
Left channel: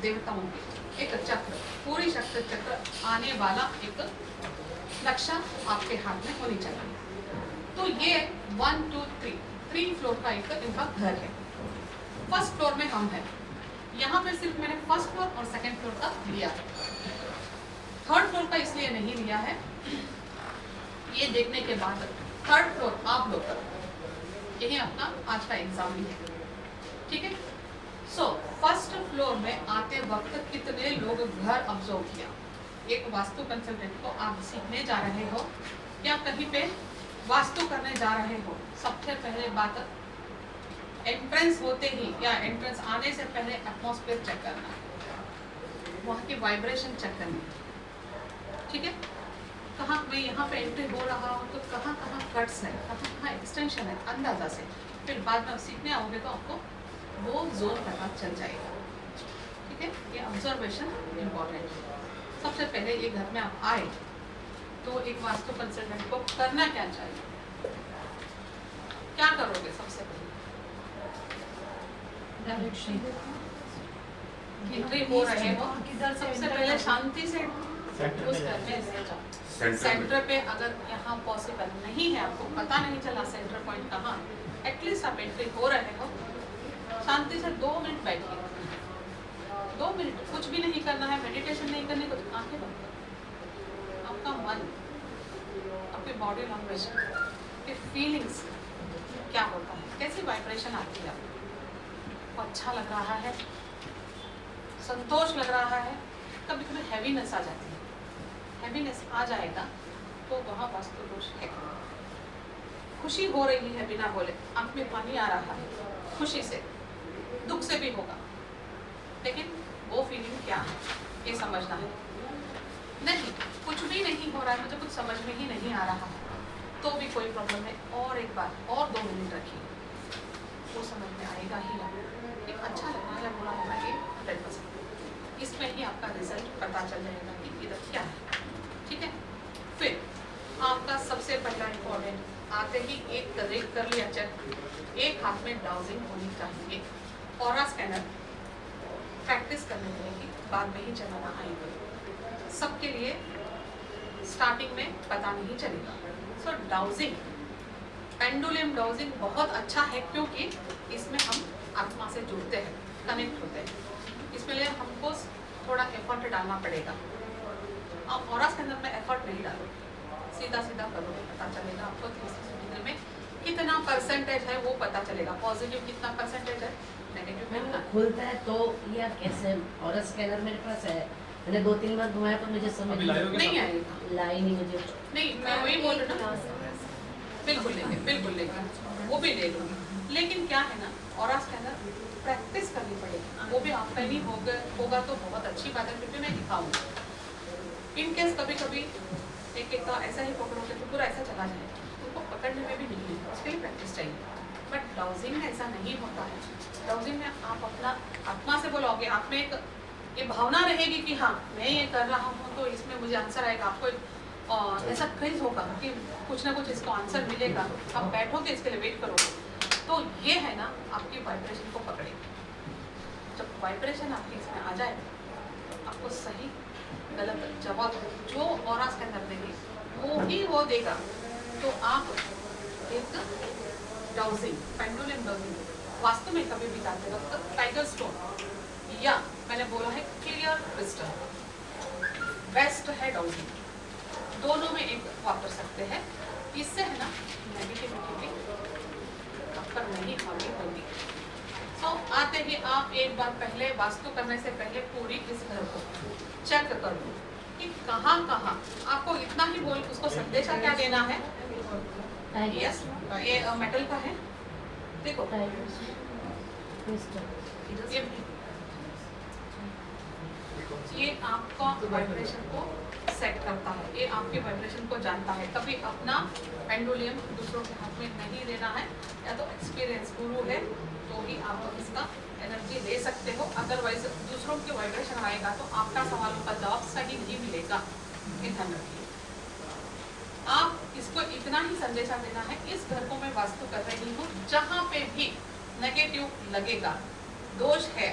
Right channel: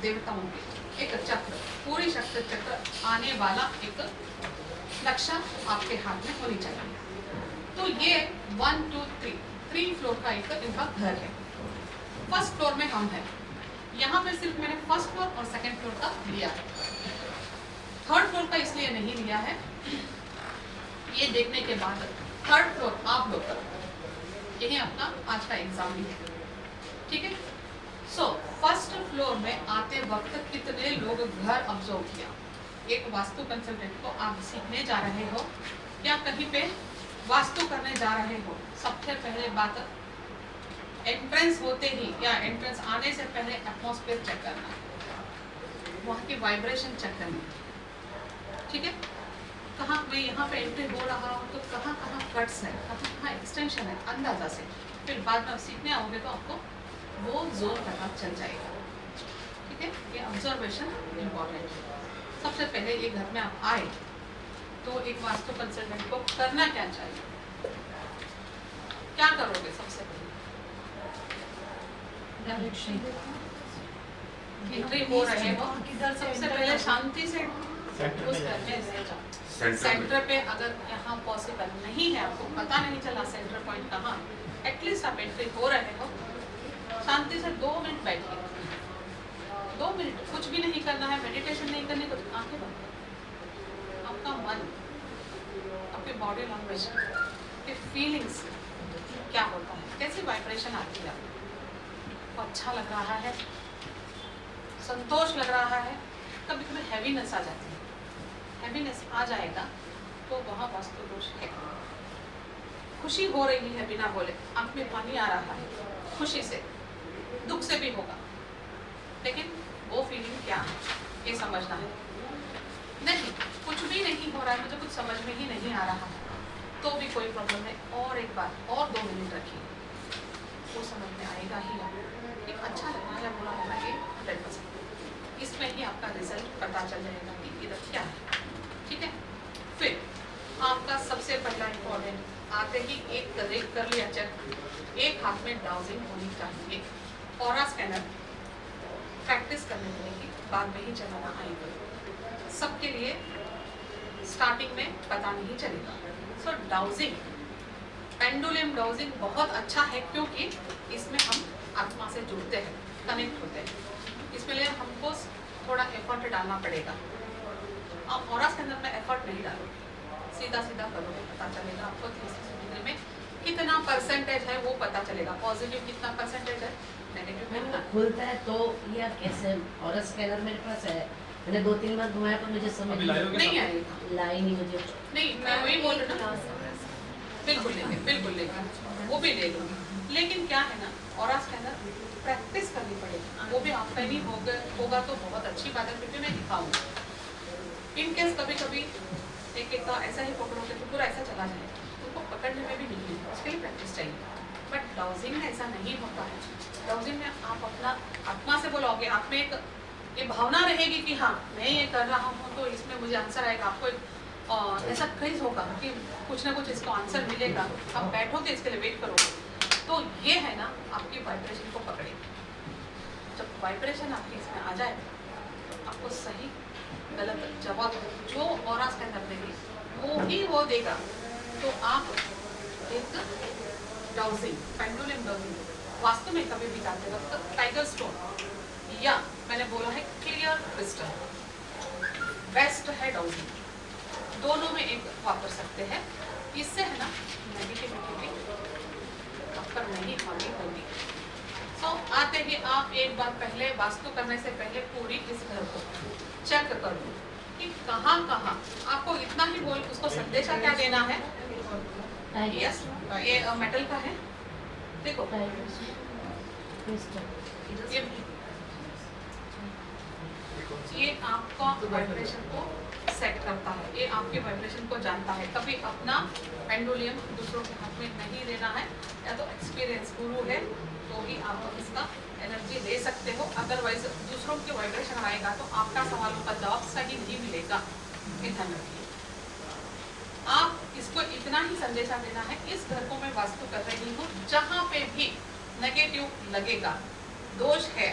देवताओं के एक चक्र, पूरी शक्ति चक्र आने वाला एक नक्शा आपके हाथ में होनी चाहिए। तो ये 1 2 3 3 फ्लोर का एक इनका घर है। फर्स्ट फ्लोर में हम हैं, यहाँ पे सिर्फ मैंने फर्स्ट फ्लोर और सेकंड फ्लोर का लिया है, थर्ड फ्लोर का इसलिए नहीं लिया है। ये देखने के बाद थर्ड फ्लोर आप लोग, यही अपना आज का एग्जाम भी है, ठीक है। सो फर्स्ट फ्लोर में आते वक्त कितने लोग घर ऑब्जर्व किया? एक वास्तु कंसल्टेंट को आप सीखने जा रहे हो या कहीं पे वास्तु करने जा रहे हो, सबसे पहले बात एंट्रेंस होते ही या एंट्रेंस आने से पहले एटमॉस्फेयर चेक करना, वहाँ की वाइब्रेशन चेक करनी, ठीक है। कहाँ मैं यहाँ पे एंट्री हो रहा हूँ तो कहाँ कहाँ कट्स है, कहाँ कहाँ एक्सटेंशन है, अंदाजा से फिर बाद में सीखने आओगे तो आपको वो जोन पता चल जाएगा, ठीक है। ये ऑब्जर्वेशन इम्पोर्टेंट है। सबसे पहले ये घर में आप आए तो एक वास्तु कंसल्टेंट को करना क्या चाहिए, क्या करोगे? सबसे पहले एंट्री हो रहे हो, सबसे पहले शांति से उस घर में रह जाओ। सेंटर पे अगर यहाँ पॉसिबल नहीं है, आपको पता नहीं चला सेंटर पॉइंट कहाँ, एटलीस्ट आप एंट्री हो रहे हो, शांति से 2 मिनट बैठिए, 2 मिनट कुछ भी नहीं करना है, मेडिटेशन नहीं करनी, कुछ आंखें बंद करो, आपका मन, आपकी बॉडी लैंग्वेज, आपके फीलिंग्स क्या होता है, कैसी वाइब्रेशन आती है, आपको अच्छा लग रहा है, संतोष लग रहा है, कभी कभी हैवीनेस आ जाती है, हैवीनेस आ जाएगा तो वहाँ वास्तु दोष है। खुशी हो रही है बिना बोले, आंख में पानी आ रहा है, खुशी से, दुख से भी होगा, लेकिन वो फीलिंग क्या है ये समझना है। नहीं, कुछ भी नहीं हो रहा है, मुझे कुछ समझ में ही नहीं आ रहा है, तो भी कोई प्रॉब्लम है, और एक बार और 2 मिनट रखिए, वो समझ में आएगा ही नहीं। एक अच्छा लगना है, बुरा होगा, ये 100%, इसमें ही आपका रिजल्ट पता चल जाएगा कि इधर क्या है, ठीक है। फिर आपका सबसे पहला इम्पोर्टेंट, आते ही एक रेक कर लिया चेक, एक हाथ में डाउजिंग होनी चाहिए, ऑरा स्कैनर प्रैक्टिस करने मिलेगी, बाद में ही चलाना आएगा, सबके लिए स्टार्टिंग में पता नहीं चलेगा। सो डाउजिंग, पेंडुलम डाउजिंग बहुत अच्छा है, क्योंकि इसमें हम आत्मा से जुड़ते हैं, कनेक्ट होते हैं, इसमें लिए हमको थोड़ा एफर्ट डालना पड़ेगा। आप ऑरा स्कैनर में एफर्ट नहीं डालोगे, सीधा सीधा करोगे, पता चलेगा आपको 360 डिग्री में कितना परसेंटेज है वो पता चलेगा, पॉजिटिव कितना परसेंटेज है, नेगेटिव कितना। खुलता है तो या कैसे? और स्कैनर मेरे पास है, मैंने 2-3 बार घुमाया तो मुझे समझ नहीं आएगा, लाई नहीं मुझे। नहीं, मैं वही बोल रही हूँ, बिल्कुल लेंगे, बिल्कुल लेंगे, वो भी ले लूँगी, लेकिन क्या है ना, ऑरा स्कैनर प्रैक्टिस करनी पड़ेगी, वो भी आपका ही होगा तो बहुत अच्छी बात है, क्योंकि मैं दिखाऊंगी। इन केस कभी कभी एक का ऐसा ही पकड़ोगे तो पूरा ऐसा चला जाए, उनको पकड़ने में भी नहीं है, उसके लिए प्रैक्टिस चाहिए। बट डाउजिंग में ऐसा नहीं होता है, डाउजिंग में आप अपना आत्मा से बोलोगे, आप में एक ये भावना रहेगी कि हाँ मैं ये कर रहा हूँ तो इसमें मुझे आंसर आएगा, आपको ऐसा क्रेज होगा कि कुछ ना कुछ इसको आंसर मिलेगा, आप बैठोगे इसके लिए वेट करोगे, तो ये है ना आपकी वाइब्रेशन को पकड़ेगी। जब वाइब्रेशन आपकी इसमें आ जाए, आपको सही गलत जवाब जो ऑरा स्कैनर देगी वो ही वो देगा, तो आप एक डाउजिंग, पेंडुलम डाउजिंग वास्तु में कभी भी जाते वक्त टाइगर स्टोन या मैंने बोला है क्लियर क्रिस्टल बेस्ट है डाउजिंग, दोनों में एक वापर सकते हैं। इससे है ना नेगेटिविटी भी आप पर नहीं हावी होगी। सो आते ही आप एक बार पहले वास्तु करने से पहले पूरी इस घर को चेक कर लो कि कहाँ कहाँ आपको इतना ही बोल, उसको संदेशा क्या देना है। यस, ये मेटल का है, देखो ये आपका वाइब्रेशन को सेट करता है, ये आपके वाइब्रेशन को जानता है। कभी अपना पेंडुलियम दूसरों के हाथ में नहीं देना है, या तो एक्सपीरियंस गुरु है तो ही आप इसका एनर्जी दे सकते हो, अदरवाइज दूसरों के वाइब्रेशन आएगा तो आपका सवालों का जवाब सही नहीं मिलेगा। ध्यान रखिए, आप इसको इतना ही संदेशा देना है, इस घर को मैं वास्तु कर रही हूँ, जहाँ पे भी नेगेटिव लगेगा, दोष है,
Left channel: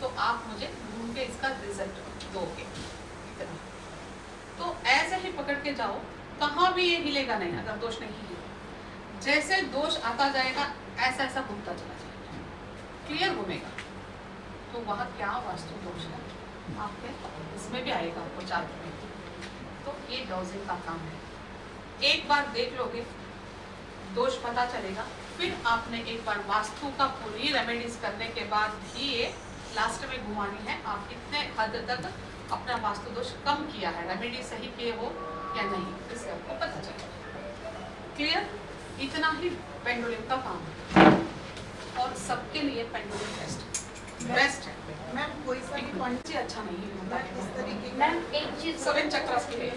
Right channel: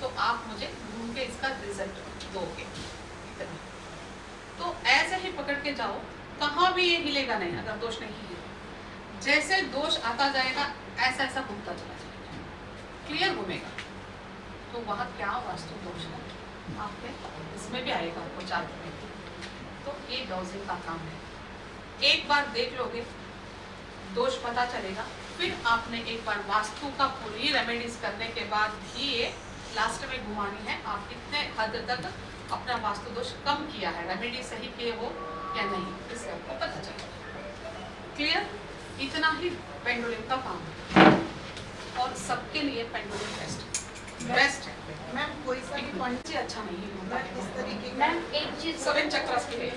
तो आप मुझे ढूंढ के इसका रिजल्ट दोगे। इतना तो ऐसे ही पकड़ के जाओ, कहाँ भी ये हिलेगा नहीं अगर दोष नहीं है। जैसे दोष आता जाएगा ऐसा ऐसा घूमता चला जाएगा, क्लियर घूमेगा। तो वहाँ क्या वास्तु दोष है आपके, इसमें भी आएगा आपको चार्ट में। तो ये डाउजिंग का काम है। एक बार देख लोगे, दोष पता चलेगा, फिर आपने एक बार वास्तु का पूरी रेमेडीज करने के बाद भी ये लास्ट में घुमानी है। आप कितने हद तक अपना वास्तु दोष कम किया है, रेमेडी सही किए हो या नहीं, इससे आपको पता चलेगा। क्लियर? इतना ही पेंडुलम का काम है और सबके लिए पेंडुलम बेस्ट है। मैम कोई सा भी पॉइंट अच्छा नहीं होता है इस तरीके के मैम एक चीज 7 चक्रास के लिए,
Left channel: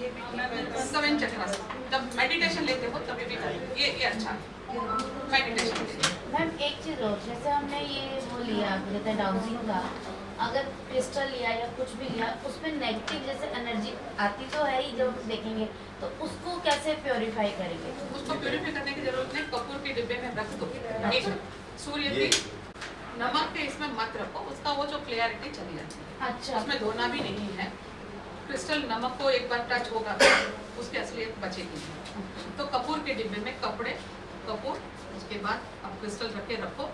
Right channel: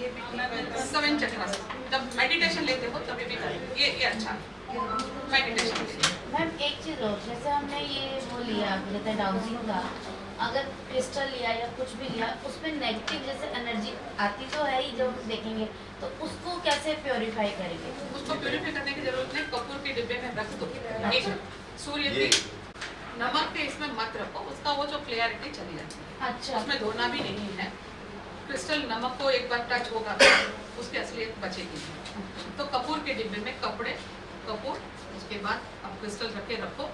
ये भी ठीक है। 7 चक्रास जब मेडिटेशन लेते हो तभी भी करो, ये अच्छा है मेडिटेशन के लिए। मैम एक चीज और, जैसे हमने ये वो लिया जैसे डाउजिंग का, अगर क्रिस्टल लिया या कुछ भी लिया, उसमें नेगेटिव जैसे एनर्जी आती तो है ही, जो देखेंगे तो उसको कैसे प्योरीफाई करेंगे? उसको प्योरीफाई करने की जरूरत नहीं, कपूर के डिब्बे में रख दो। एक सूर्य की नमक के इसमें मत रखो, उसका वो जो क्लियरिटी चली जाती है। अच्छा, उसमें धोना भी नहीं है। क्रिस्टल नमक को एक बार टच होगा उसकी असलियत बचेगी। तो कपूर के डिब्बे में कपड़े, कपूर, उसके बाद आप क्रिस्टल रख के रखो।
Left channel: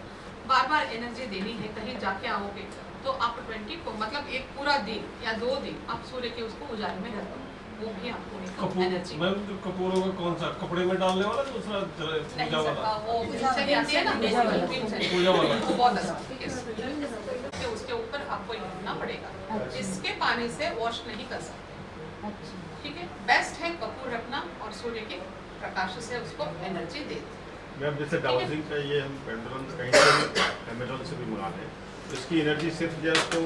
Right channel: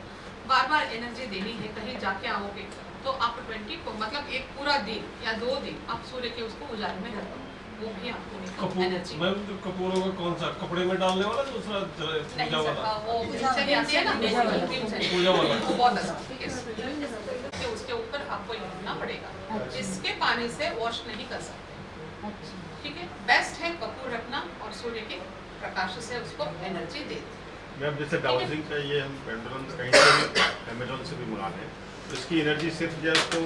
बार बार एनर्जी देनी है, कहीं जाके आओगे तो आप 20 को मतलब एक पूरा दिन या 2 दिन आप सूर्य के उसको उजाले में रखो, वो भी आपको एनर्जी। मैम कपूरों का कौन सा, कपड़े में डालने वाला, दूसरा पूजा वाला? वो भीमसेनी आती है ना, भीमसेनी, पूजा वाला वो बहुत अच्छा है। उसके ऊपर आपको लिखना पड़ेगा, इसके पानी से वॉश नहीं कर सकते, ठीक है? बेस्ट है कपूर रखना और सूर्य के प्रकाश से उसको एनर्जी दे। मैम जैसे डाउजिंग का ये हम पेंडुलम कहीं से भी अमेजोन से भी मंगा लें, तो इसकी एनर्जी सिर्फ जो है उसको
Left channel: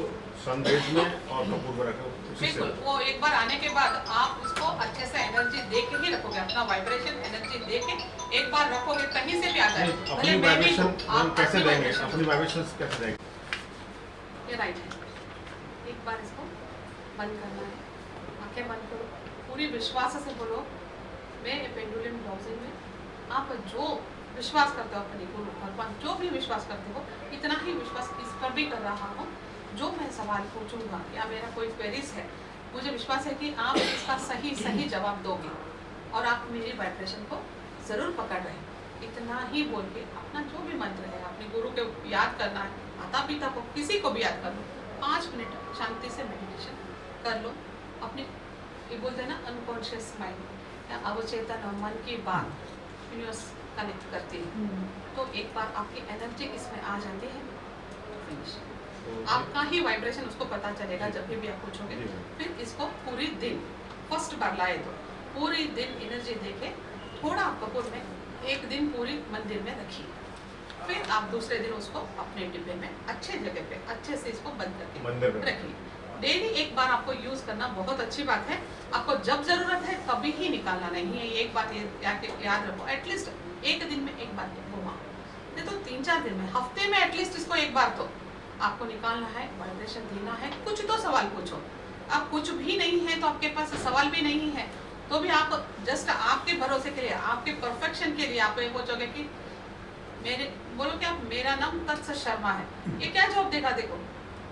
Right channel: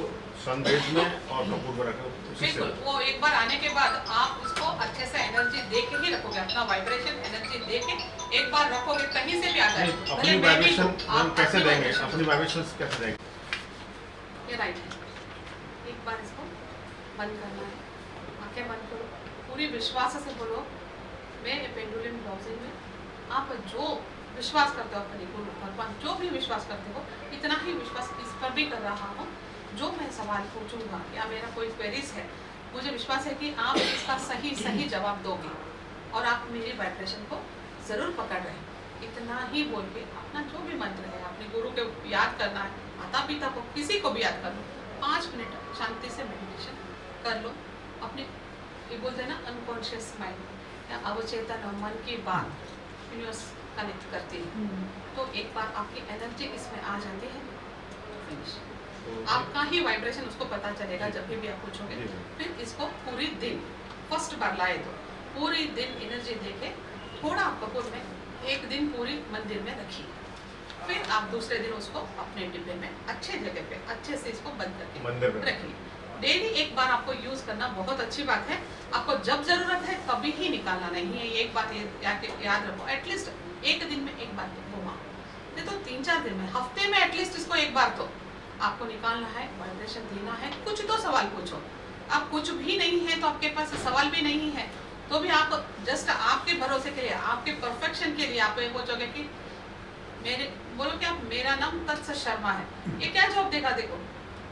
सनरेज में और कपूर में रखो, बिल्कुल। वो एक बार आने के बाद आप उसको अच्छे से एनर्जी दे के ही रखोगे, अपना वाइब्रेशन एनर्जी दे के एक बार रखोगे, कहीं से भी आ जाए। अपनी वाइब्रेशन हम कैसे देंगे, अपनी वाइब्रेशन कैसे देंगे? ये राइट है। एक बार इसको बंद करना है, आंखें बंद करो, पूरी विश्वास से बोलो मैं पेंडुलम डाउजिंग में आप जो विश्वास करते हो अपने गुरु भगवान, जो भी विश्वास करते हो, इतना ही विश्वास इस पर भी कर रहा हूँ। जो मैं सवाल पूछूंगा या मेरा कोई क्वेरीज है, मुझे विश्वास है कि आप इसका सही जवाब दोगे और आप मेरी वाइब्रेशन को जरूर पकड़ रहे हैं। इतना ही बोल के अपना जो भी मंत्र है अपने गुरु के याद करना है, माता पिता को किसी को भी याद कर लो, 5 मिनट शांति से मेडिटेशन कर लो। अपने ये बोलते हैं ना अनकॉन्शियस माइंड या अवचेतन मन की बात यूनिवर्स कनेक्ट करती है, तो एक बार आपकी एनर्जी इसमें आ जाती है, फिनिश। आपका ही वाइब्रेशन उसको पता चलेगा जब भी आप पूछोगे। फिर इसको पूरी दिन, फर्स्ट बार लाए तो पूरी दिन एनर्जी देके थोड़ा कपूर में एक दिन पूरी मंदिर में रखिए, फिर आप दूसरे दिन उसको अपने डिब्बे में अच्छे जगह पे अच्छे से इसको बंद करके रखिए। डेली एक बार आपको यूज करना बहुत अच्छी बात है। आपको जब जरूरत है कभी ही निकालना नहीं है। एक बात याद रखो, एटलीस्ट एक दिन में एक बार तो घुमा, नहीं तो 3-4 दिन में, हफ्ते में एटलीस्ट इसको एक बार तो आपको निकालना है, वाइब्रेशन देना है। कुछ तो सवाल पूछो, आप कुछ भी नहीं है तो आपके पास सवाल भी नहीं है तो भी आप जस्ट आपके भरोसे के लिए, आपके परफेक्शन के लिए आप ये पूछोगे कि मेरे बोलो कि आप मेरा नाम तत्स शर्मा है, ये क्या जवाब देगा? देखो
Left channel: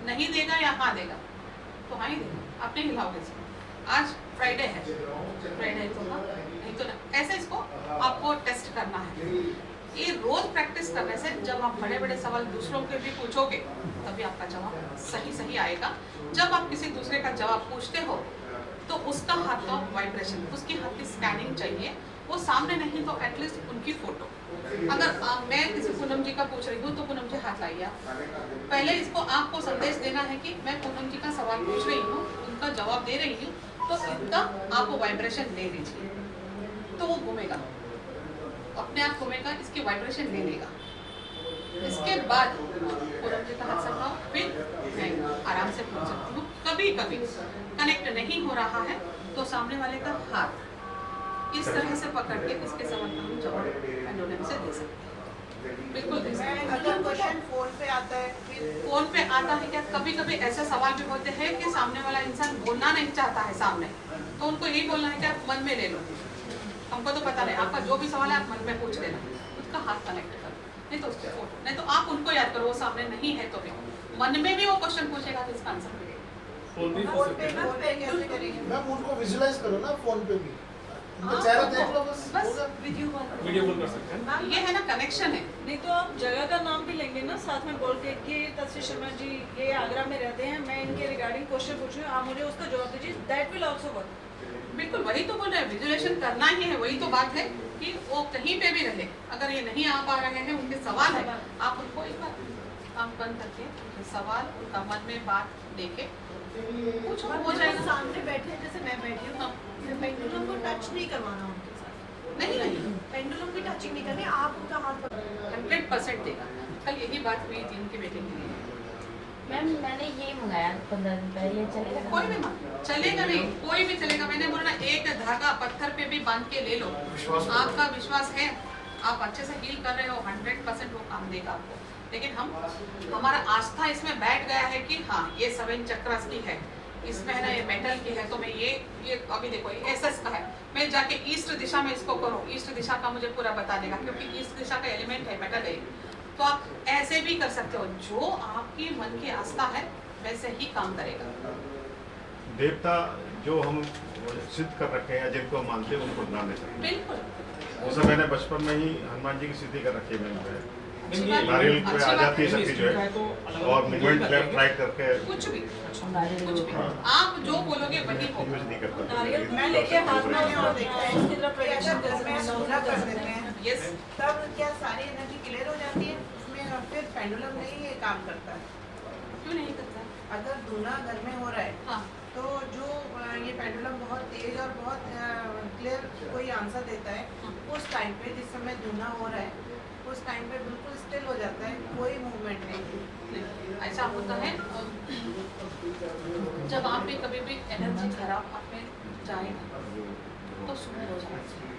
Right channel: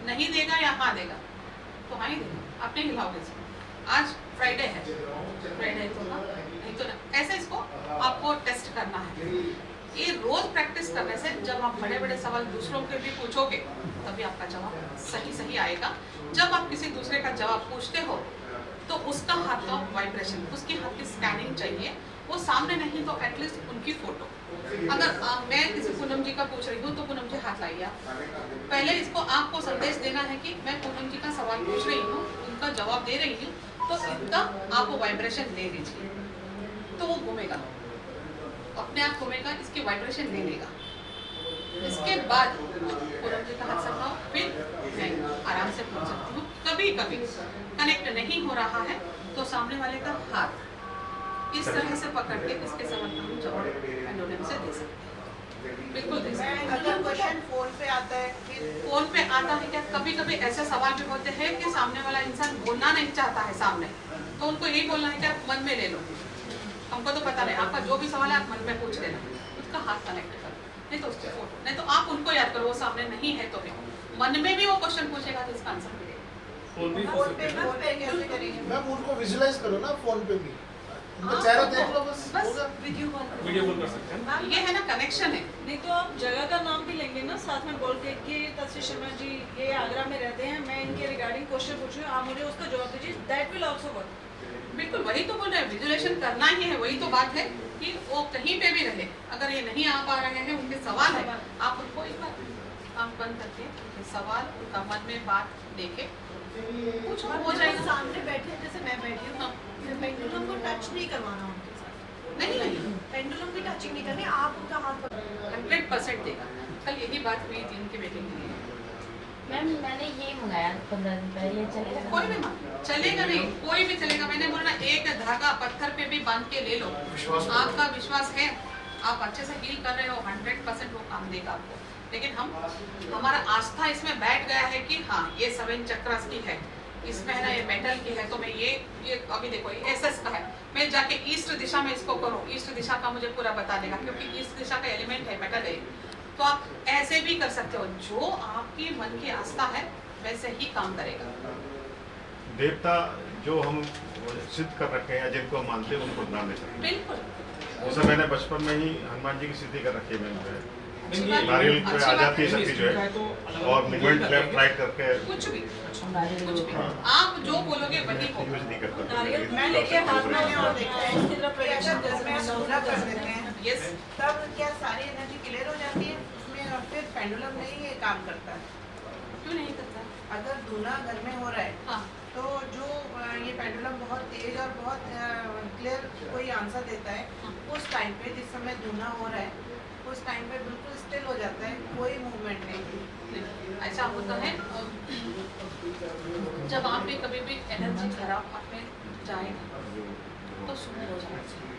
नहीं देगा या हाँ देगा, तो हाँ ही देगा, आप नहीं हिलाओगे इसको। आज फ्राइडे है, फ्राइडे तो हाँ नहीं तो ना, ऐसे इसको आपको टेस्ट करना है। ये रोज प्रैक्टिस करने से जब आप बड़े बड़े सवाल दूसरों के भी पूछोगे तभी आपका जवाब सही आएगा। जब आप किसी दूसरे का जवाब पूछते हो तो उसका हाथ का वाइब्रेशन, उसकी हाथ की स्कैनिंग चाहिए, वो सामने नहीं तो एटलीस्ट उनकी फोटो। अगर मैं किसी पूनम जी का पूछ रही हूँ तो पूनम जी हाथ लाइए आप। पहले इसको आपको संदेश देना है कि मैं पूनम जी का सवाल पूछ रही हूँ, उनका जवाब दे रही हूँ, तो इनका आप वाइब्रेशन ले लीजिए, तो वो घूमेगा, अपने आप घूमेगा, इसकी वाइब्रेशन ले लेगा। इसके बाद पूनम जी का हाथ संभाओ, फिर मैं आराम से पूछ सकती हूँ। कभी कभी कनेक्ट नहीं हो रहा है तो सामने वाले का हाथ इस तरह से पकड़ के इसके सवाल का हम जवाब पेंडुलम से दे सकते हैं, बिल्कुल दे सकते हैं। अगर क्वेश्चन फोन पे आता है, फिर फोन पे आता है क्या? कभी कभी ऐसे सवाल भी होते हैं कि सामने वाला इंसान बोलना नहीं चाहता है सामने, तो उनको यही बोलना है कि आप मन में ले लो, हमको तो पता नहीं, आपका जो भी सवाल है आप मन में पूछ लेना, उसका हाथ कनेक्ट करो, नहीं तो उसकी फोटो, नहीं तो आप उनको याद करो, वो सामने नहीं है तो भी मन में भी वो क्वेश्चन पूछेगा तो इसका आंसर मिलेगा। फोन पे कैसे करेंगे? मैम उनको विजुलाइज करो ना फोन पे भी, चेहरा देख लो बस बस होगा। वीडियो कॉल कर सकते हैं। ये है ना कनेक्शन है। नहीं तो आप जगह का नाम भी लेंगे ना साथ में बोल के कि तस्वीर शर्मा जी ये आगरा में रहते हैं, मैं इनके रिगार्डिंग क्वेश्चन पूछूँ, आप मुझे उसका जवाब दीजिए, दैट विल आल्सो वर्क। बिल्कुल वही तो बोल रहे हैं, विजुअलाइजेशन करना ही है। वही तो बात है कि वो कहीं पे भी रहे, अगर ये नहीं आ पा रहे हैं, उनके सवाल है, आप उनको एक बार आंख बंद करके उनके सवाल, उनका मन में बात लेके कुछ हो जाएगा। सामने बैठे हैं जैसे मैं बैठी हूँ, पेंडुलम को टच नहीं करवाना उनके साथ। नहीं पेंडुलम की टचिंग नहीं करनी, आप उनका हाथ पकड़ 100% देगा। कल यही बात हुई थी उनकी मीटिंग के लिए। मैम मैंने ये मंगाया 15 दिन पहले, ये चलेगा? कोई भी चलेगा नहीं, कोई भी चलेगा। मैंने बोला एक धागा पत्थर पे भी बांध के ले लो, आपका विश्वास है, आप अच्छे से हील कर रहे हो, 100% वो काम देगा आपको। लेकिन हमारा आस्था इसमें बैठ गया है कि हाँ ये 7 चक्रास की है, इसमें है ना ये मेटल की है, तो मैं ये अभी देखो ये एसएस का है, मैं जाके ईस्ट दिशा में इसको करूँ, ईस्ट दिशा का मुझे पूरा बता देगा, क्योंकि ईस्ट दिशा का एलिमेंट है, मेटल है। तो आप ऐसे भी कर सकते हो, जो आपकी मन की आस्था है वैसे ही काम करेगा। देवता जो हम सिद्ध कर रखे हैं, जिनको हम मानते हैं, उनको नाम दे सकते हैं। बिल्कुल जैसे मैंने बचपन में ही हनुमान जी की सिद्धि कर रखी है मैंने, अच्छी बात है। नारियल पे अच्छी आ बात जाती है है। शक्ति जो है, और मूवमेंट लेफ्ट राइट करके कुछ भी हाँ। आप जो बोलोगे वही होगा। यूज नहीं करता। नारियल मैं लेके हाथ में और देखते हैं इसकी तरफ प्रोजेक्शन जैसे मैं सोना कर देते हैं, यस तब क्या सारी एनर्जी क्लियर हो जाती है उसमें, फिर पेंडुलम नहीं ये काम करता है? क्यों नहीं करता? अगर धुना घर में हो रहा है हाँ तो जो ये पेंडुलम बहुत तेज और बहुत क्लियर कोई आंसर देता है, उस टाइम पे जिस समय धुना हो रहा है उस टाइम पे बिल्कुल स्टिल हो जाता है, कोई मूवमेंट नहीं। ऐसा होता है जब आप भी कभी भी एनर्जी खराब आपने जाएगा तो शुरू हो जाना चाहिए।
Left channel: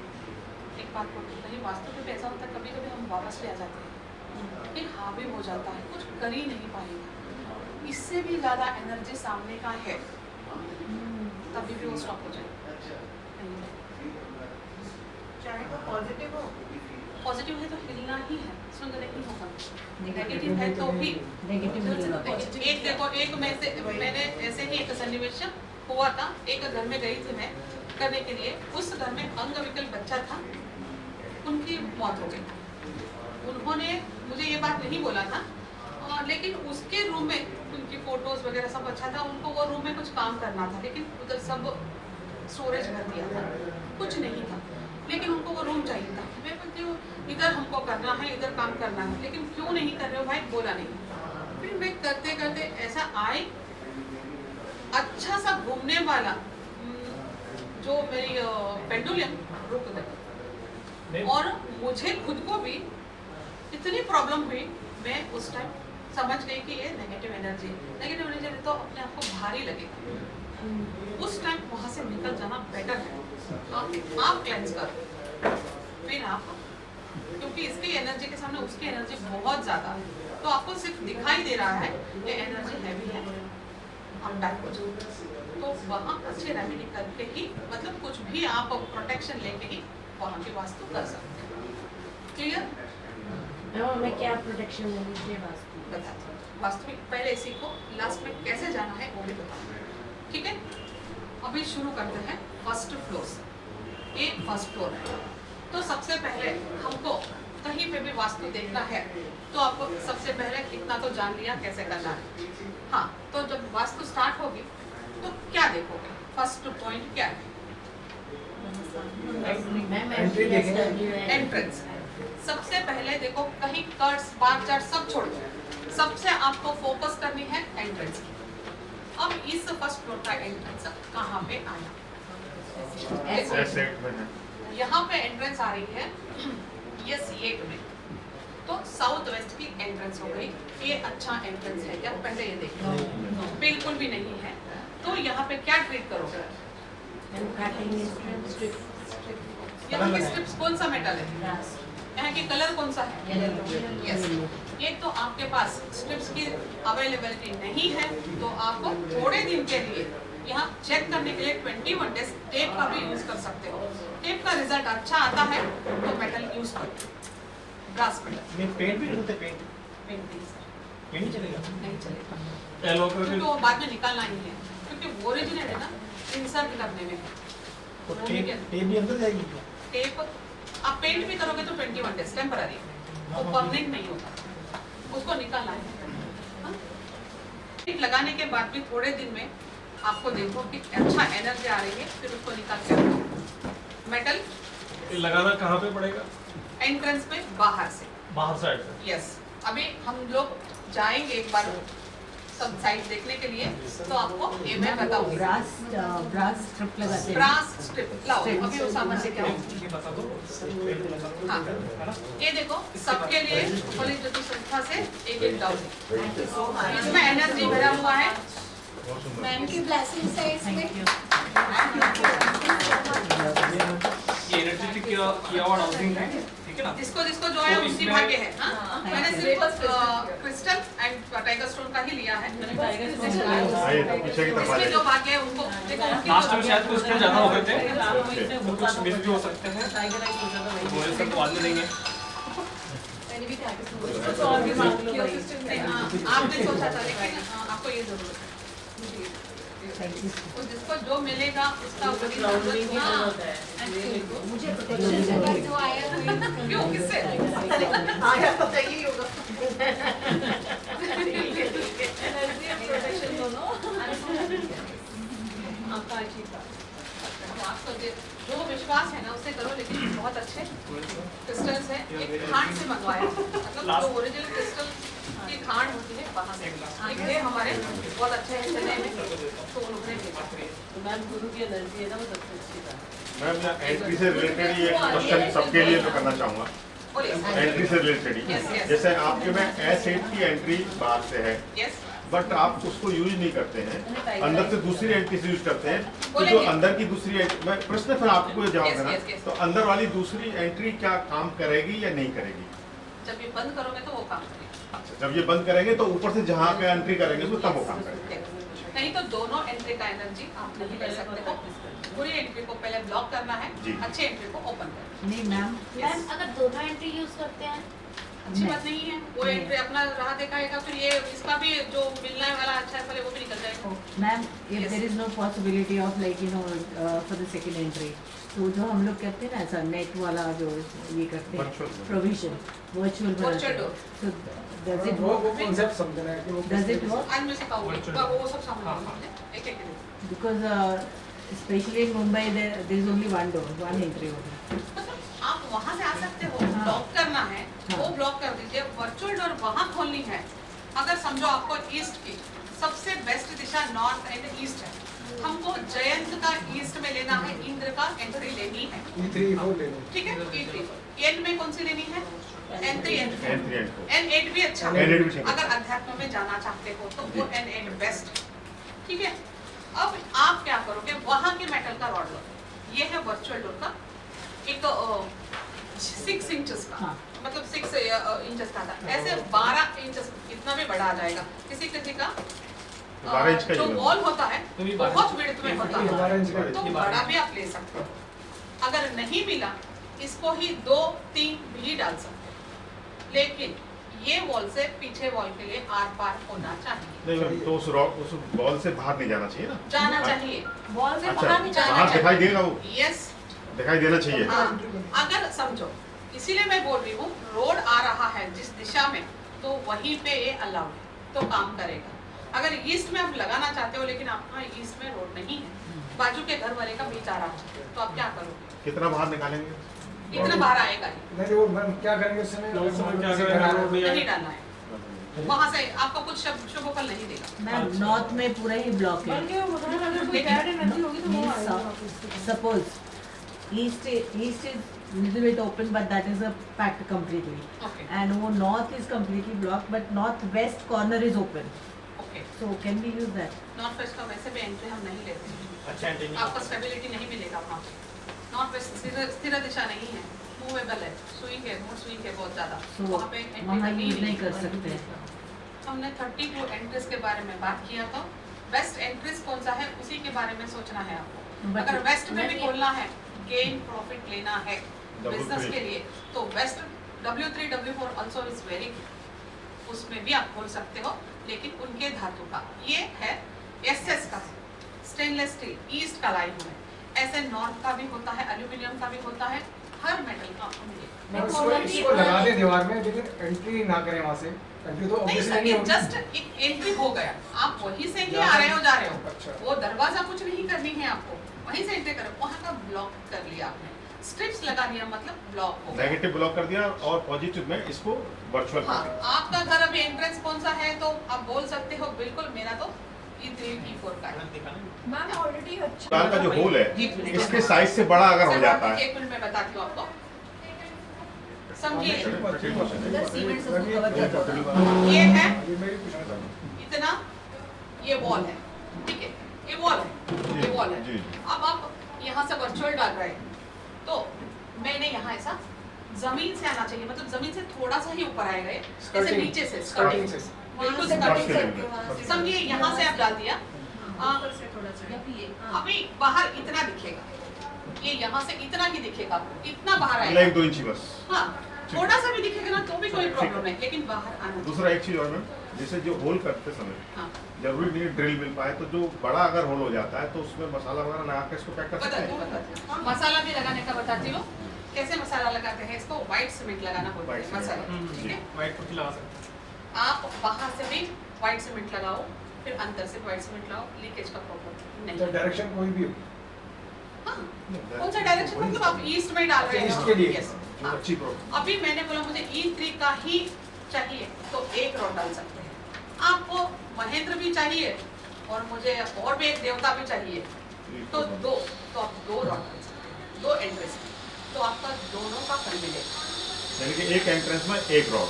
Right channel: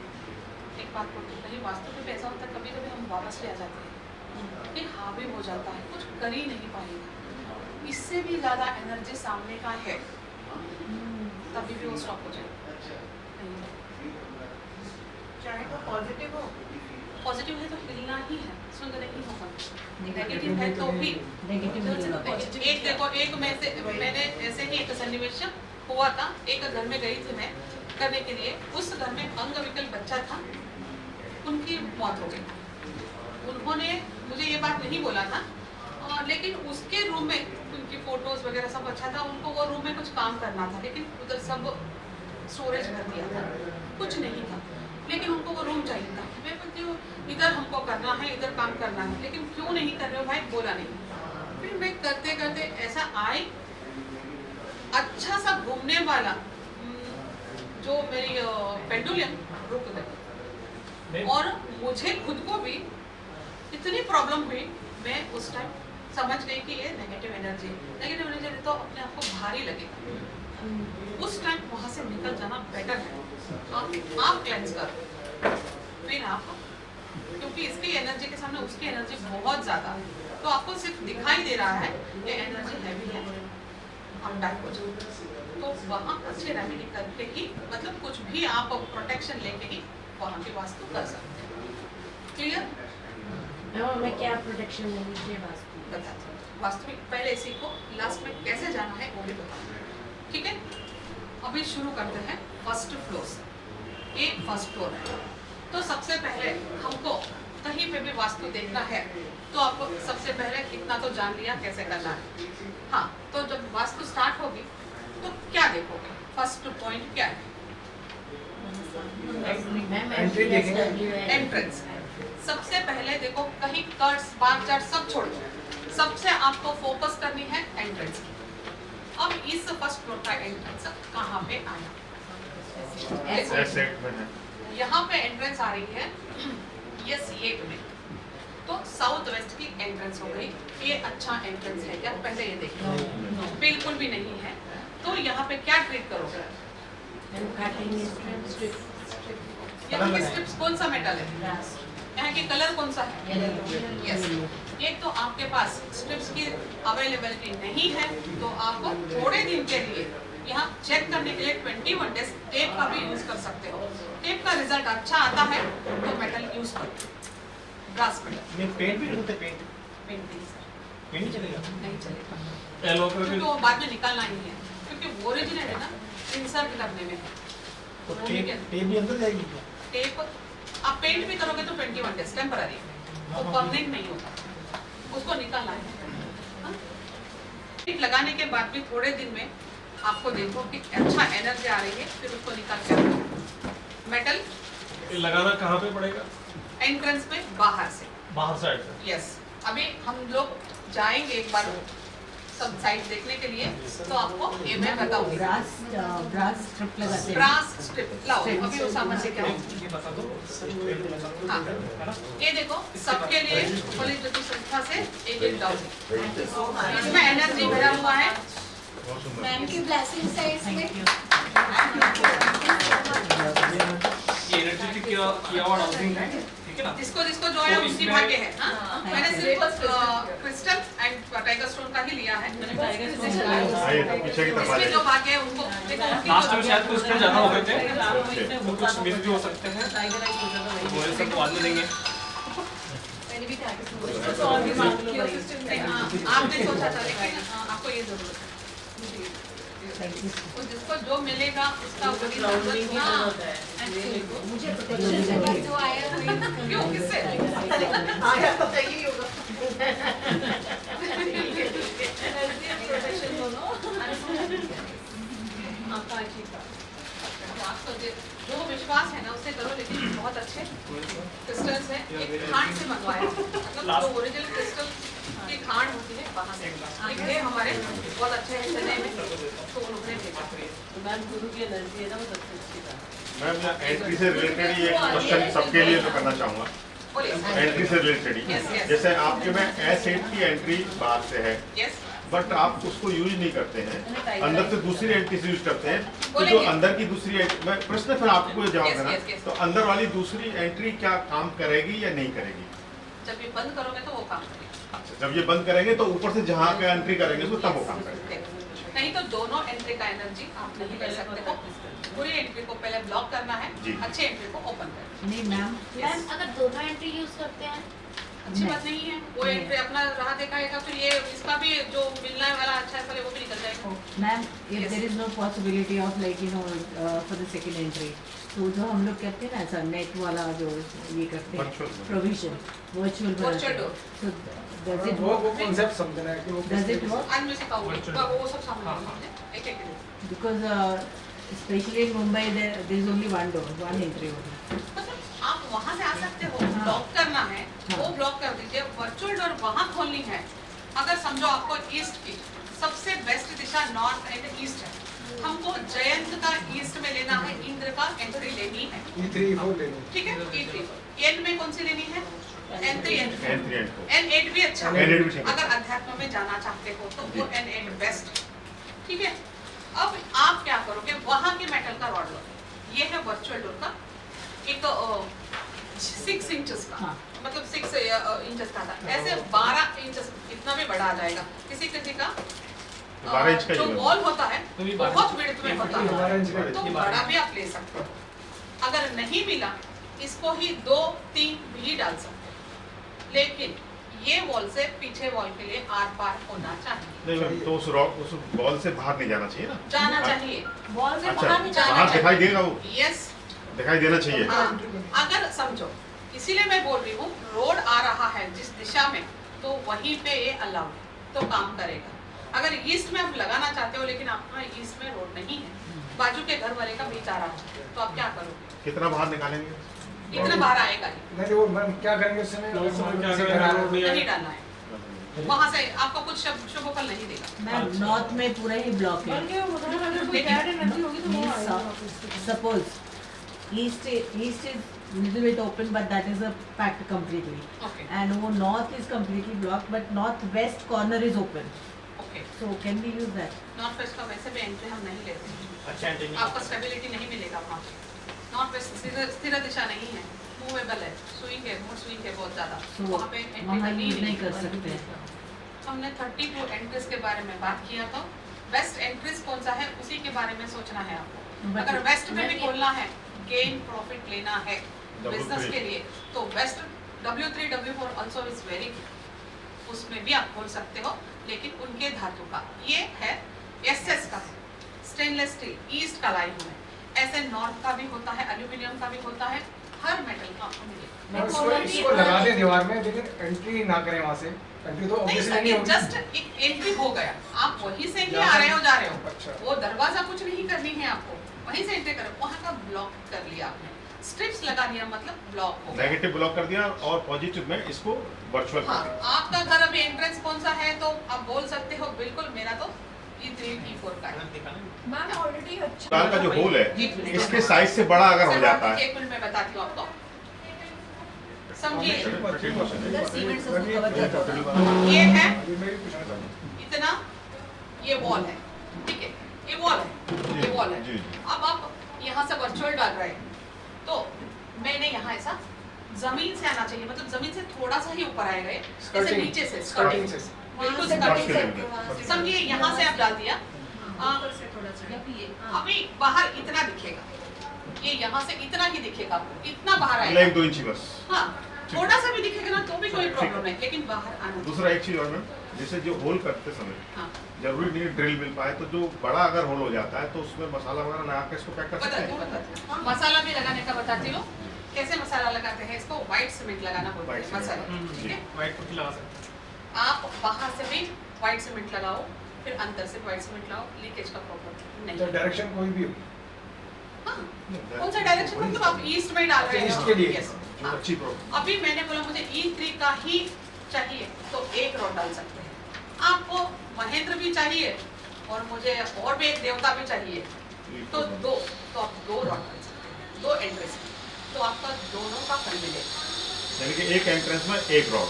एक बात बोलते कहीं वास्तव में ऐसा होता है, कभी कभी हम वापस ले आ जाते हैं, एक हावी हो जाता है, कुछ कर ही नहीं पाएगा, इससे भी ज़्यादा एनर्जी सामने का है, तभी भी वो स्टॉप हो जाएगा। चाहे वो पॉजिटिव हो, पॉजिटिव है तो हिलना ही है, सुंदर नहीं होगा। नेगेटिव है तो भी एक देखो, एक में से मैंने ऐसे ही एक सन्निवेश हुआ था, एक घर में गई थी मैं करने के लिए, उस घर में अंगविकल बच्चा था, उनकी मौत हो गई। उन्होंने मुझे ये बात नहीं बोला था, लेकिन उसके रूम में उनकी फोटोज वगैरह सब अच्छा था, उनको वो रूम में कुछ काम करना था, लेकिन उधर सब स्टोरेज भर दिया था, कुछ नहीं था, लेकिन उनको वो रूम चाहिए था। मैं बोलती हूँ इधर हमको करना है, इधर काम करना है, लेकिन क्यों नहीं कर रहे हो भाई? बोला नहीं। फिर मैं करते करते ऐसा आए, अच्छा सा घूमने वाला जो मेरी पेंडुलम रुक गई, और मुझे खुद को भी इतनी प्रॉब्लम हुई, मैं उस टाइम समझ गई कि ये नेगेटिव एनर्जी तो अपने आप को भारी लगेगा, उस टाइम वहाँ से निकल जाना बेटर है। आप क्लेंस करो, फिर आप, क्योंकि इसकी एनर्जी के सामने उसकी एनर्जी बहुत ज़्यादा है, तो आपको सिर्फ दिखाई दे रहा है ये एनर्जी हैवी है, आप बैक हो जाओ। तो वहाँ अच्छे रेमेडी करके ही, मतलब कुछ भी आप प्रोटेक्शन लेके ही वहाँ की वास्तु कर सकते हैं। क्लियर? मैं क्या प्रोटेक्शन लेनी चाहिए वास्तु? बताती हूँ। वास्तु में पहले सीखो, लास्ट में कैसे जाना है वो भी बताऊँ, ठीक है? अभी शुरू करते हैं फर्स्ट फ्लोर से। ये फर्स्ट फ्लोर है, तो सबसे पहले हमको कहीं पे भी वास्तु देखना है तो आपको सबसे पहले इतना तो जान लिया कैसे करना है। हाँ, तो जब वास्तु स्टार्ट होगी तो क्या देखोगे? फर्स्ट पॉइंट क्या है? एंट्रेंस। सबसे पहले देखो, कहीं कर्ट्स बार चार्ट सब छोड़ दो, सबसे आपको फोकस करनी है एंट्रेंस की। अब इस फर्स्ट फ्लोर का एंट्रेंस कहाँ पे आया? यहाँ पे एंट्रेंस आ रही है ये C8 में, तो साउथ वेस्ट की एंट्रेंस हो गई। ये अच्छा एंट्रेंस है क्या? पहले ये देखो, बिल्कुल भी नहीं है। तो यहाँ पे क्या ट्रीट करोगे? यहाँ की स्ट्रिप्स कौन सा मेटल है? यहाँ की कलर कौन सा है? यस। एक तो आपके पास स्ट्रिप्स की अवेलेबिलिटी नहीं है, तो आपको थोड़े दिन के लिए यहाँ चेक करने के लिए 21 डेज टेप का भी यूज कर सकते हो। टेप का रिजल्ट अच्छा आता है तो मेटल यूज करो, ग्लास मेटल। पेंट भी होते, पेंट नहीं सर, पेंट नहीं चलेगा, नहीं चलेगा, क्योंकि वो बाद में निकालना ही है, क्योंकि ओरिजिनल है ना, इंसर्ट करने में है। टेप भी अंदर जाएगी क्या? टेप आप पेंट भी करोगे तो 21 डेज टेम्पररी, वो परमानेंट नहीं होता, उसको निकालना है। हाँ? टेप लगाने के बाद भी थोड़े दिन में आपको देखो कि अच्छा एनर्जी आ रही है, फिर उसको निकाल के रखो। मेटल लगाना कहाँ पे पड़ेगा? एंट्रेंस में बाहर से, बाहर साइड से। यस। अभी हम लोग जाएंगे एक बार सब साइड देखने के लिए, तो आपको ये मैं बताऊंगी। ब्रास स्ट्रिप लगाते हैं। ब्रास स्ट्रिप लाओ, अभी वो सामान लेके आओ। ये बता दो। हाँ, ये देखो सबके लिए होली ज्योति संस्था से एक डाउन, इसमें एनर्जी भरा हुआ है। मैम की ब्लेसिंग्स है इसमें। ये एनर्जेटिक किया हुआ डाउजिंग है, ठीक है ना? जिसको जिसको जो है उसी भाग्य है। हाँ? मैंने सिर्फ क्रिस्टल एंड टाइगर स्टोन का ही लिया है। इसमें जो भाग्य है उनको देखो, लास्ट में शायद कुछ ज्यादा हो गए थे, तो कुछ मिस भी हो सकते हैं, वो सब बाद में देंगे। आपने सोचा था, लेकिन आपको ये जरूरत है। तो जिसको जो मिलेगा उसका मुझे प्रोटेक्शन का जो आया क्यों, किससे आया तो चाहिए होगा। प्रोटेक्शन दोनों आपका अच्छी आपको जो विश्वास है ना उससे करो, लेकिन बहुत अच्छे क्रिस्टल्स है। एक खांड से मंगवाया, मतलब जो ओरिजिनल क्रिस्टल की खांड होती है वहाँ से, लेकिन ये हमारे बहुत अच्छे हैं चने में, तो उन्होंने भेजा। मैम गुरु की एनर्जी है ना, वो सबसे अच्छी बात। मैम यहाँ एंट्री से रिलेटेड ये क्वेश्चन सबके लिए तो करना चाहूँगा। एंट्री से रिलेटेड ही, जैसे आपके में S8 की एंट्री बाहर से है, बट आप उसको यूज नहीं करते हैं, अंदर से दूसरी एंट्री से यूज करते हैं, तो जो अंदर की दूसरी मैं प्रश्न फिर आपको जवाब देना, तो अंदर वाली दूसरी एंट्री क्या काम करेगी या नहीं करेगी? जब ये बंद करोगे तो वो काम करेगी। अच्छा, जब ये बंद करेंगे तो ऊपर से जहाँ पे एंट्री करेंगे तो तब वो काम करेगा। नहीं तो दोनों एंट्री का एनर्जी आप नहीं ले सकते हो। पूरी एंट्री को पहले ब्लॉक करना है, अच्छे एंट्री को ओपन करना है। नहीं मैम, अगर दोनों एंट्री यूज करते हैं अच्छी बात नहीं है, वो एंट्री अपना राह दिखाएगा, फिर ये इसका भी जो मिलने वाला अच्छा है फल वो भी निकल जाएगा। Ma'am, if there is no possibility of like for the second entry, तो जो हम लोग कहते हैं ना ऐसा नेट वाला जो ये करते हैं provision virtual door, so does it वो work? कॉन्सेप्ट समझना है कि वो Does it work? आज मैं सिखाऊंगी, वो सब सामने एक एक Because especially in Mumbai there is only one door, one entry only. आप वहाँ से आ सकते हो, ब्लॉक करना है वो ब्लॉक कर दीजिए। वर्चुअल डोर वहाँ खोलनी है। अगर समझो आपको ईस्ट की सबसे best Disha north and east है, हमको जयंत का ईस्ट में लेना है, इंद्र का एंट्री लेनी है, E3 लेनी, ठीक है। E3 एन में कौन सी लेनी है? N3 N8 भी अच्छा है। अगर अध्यात्म में जाना चाहते हो तो वो N8 बेस्ट, ठीक है। अब आप क्या करोगे, वहाँ के मेटल का रॉड लो, ये है वर्चुअल डोर का एक 6 इंचेस का, मतलब 6 इंचेस का था, ऐसे 12 इंचेस इतना भी बड़ा आ जाएगा। किसी किसी का 12 इंच का जो वॉल होता है बहुत विड्थ में होता है, तो बड़ा भी आप ले सकते हो। अगर नहीं मिला इसको ही 2-3 भी डाल सकते हो, लेकिन ये वॉल से पीछे वॉल के लिए आर पार होना चाहिए। नहीं, तो उस वॉल से बाहर नहीं जाना चाहिए ना? जाना चाहिए, वॉल से अच्छा, बाहर नहीं जाना बाहर चाहिए। दिखाई देगा वो? यस, दिखाई देना चाहिए। हाँ, अगर समझो, इसीलिए मैं बोल रही हूँ रोड आ रहा है जिस दिशा में, तो वहीं पे ये अलाउड तो काम करेगा। अगर ईस्ट में आप लगाना चाहते हो लेकिन आपका ईस्ट में रोड नहीं है, बाजू के घर वाले का बीच आ रहा है, तो आप क्या करोगे? कितना बाहर निकालेंगे? इतना बाहर आएगा ही नहीं, वो मैम क्या करेंगे उस समय? नहीं डालना है, वहाँ से आपको कुछ शुभ फल नहीं देगा। मैम, नॉर्थ में पूरा ही ब्लॉक है। Suppose east is little bit open, but that is a packed completely. Okay. And वो north is completely blocked, but northwest corner is open. Okay. So can we use that? North west का वैसे भी entry हम नहीं लेते हैं, अच्छा, आपको स्टेबिलिटी नहीं मिलेगा वहाँ पे। नॉर्थ वेस्ट स्थिर दिशा नहीं है, मूवेबल है, स्विंग है, मूड स्विंग है बहुत ज़्यादा, वहाँ पे वहाँ एंट्री यूज नहीं कर सकते। हमने 32 एंट्रीज के बारे में बात किया था। वेस्ट एंट्रीज कौन सा है उसी के बारे में सोचना है आपको। अगर वेस्ट में भी खोलना है, गेन प्रॉफिट लेना है बिजनेस के लिए, तो west W3 W4 also is very good, उसमें भी आप खोल सकते हो, लेकिन उनके धातु का ये है SS का स्टेनलेस स्टील ईस्ट का लाइन है। ऐसे नॉर्थ का भी होता है, एल्यूमिनियम का भी होता है, हर मेटल का आपको मिलेगा। इसको लगा दे दीवार में, लेकिन एंट्री ना करें वहाँ से। एंट्री तो नहीं ऑब्वियसली सर, नहीं ये होगी। जस्ट एंट्री हो गया, आप वहीं से ही आ रहे हो जा रहे हो, अच्छा। वो दरवाजा कुछ नहीं करनी है आपको, वहीं से एंट्री करो, वहाँ का ब्लॉक कर लिया आपने, स्ट्रिप्स लगा दिया मतलब ब्लॉक हो गया। नेगेटिव ब्लॉक कर दिया और पॉजिटिव में इसको वर्चुअल हाँ, कर दिया। आपका घर अभी एंट्रेंस कौन सा है तो आप बोल सकते हो बिल्कुल, मेरा तो E3 E4 का है। मैम ऑलरेडी अच्छा दाल का जो होल है इसके साइज से बड़ा अगर हो जाता है, एक मिनट में बताती हूँ आपको, समझिए इधर सीमेंट से उसको कवर कर दो। ये है ये मेरी पूछना था। इतना, ये वॉल है, ठीक है, ये वॉल है, ये वॉल है। जी। अब आप यहाँ से वर्चुअल डाल रहे हैं तो मैंने यहाँ ऐसा जमीन से आना चाहिए, मतलब जमीन से थोड़ा सा ही ऊपर आएगा ये, जैसे Skirting. नीचे से Skirting स्कर्टिंग, से। बिल्कुल वहाँ से स्कर्टिंग cutting से। से। समझिए यहाँ से आप डाल दिया, ऊपर से थोड़ा सा अभी बाहर इतना दिखेगा, ये यहाँ से इतना ही दिखेगा आपको, इतना बाहर मतलब आएगा। 1-2 इंच बस। हाँ, थोड़ा सा भी दिखेगा ना तो भी कोई प्रॉब्लम नहीं, लेकिन बाहर आना चाहिए। दूसरा एक चीज और मैम, जैसे जो होल करते समय हाँ, जरूरी नहीं ड्रिल मिल पाए, तो जो बड़ा अगर होल हो जाता है तो उसमें मसाला वगैरह लगा के इसको पैक कर सकते बताती हूँ हैं। बताती हूँ। मसाला भी लगाने का बताती हूँ, कैसे मसाला लगाते हैं, इसको व्हाइट सीमेंट लगाना बोलते White हैं cement। मसाला, ठीक है। वाइट पुट्टी लगा सकते हैं। आप बाहर से भी व्हाइट सीमेंट लगाओ, फिर अंदर से व्हाइट सीमेंट लगाओ, लीकेज का प्रॉब्लम तो नहीं। डायरेक्शन कोई भी होगी। हाँ, कौन सा डायरेक्शन, मतलब आप ईस्ट में डाल रहे ईस्ट हो के लिए। Yes, जो हाँ। अच्छी प्रॉब्लम। अभी मैंने बोला मुझे E3 का ही चाहिए तो एक रॉड डाल सकते हैं, आपको महेंद्र भी चाहिए और मुझे और भी एक देवता भी चाहिए तो दो, तो आप 2 रॉड डाल सकते हैं, 2 एंट्रेंस, तो आपका दोनों का फल मिलेगा। यानी कि एक एंट्रेंस में एक रॉड,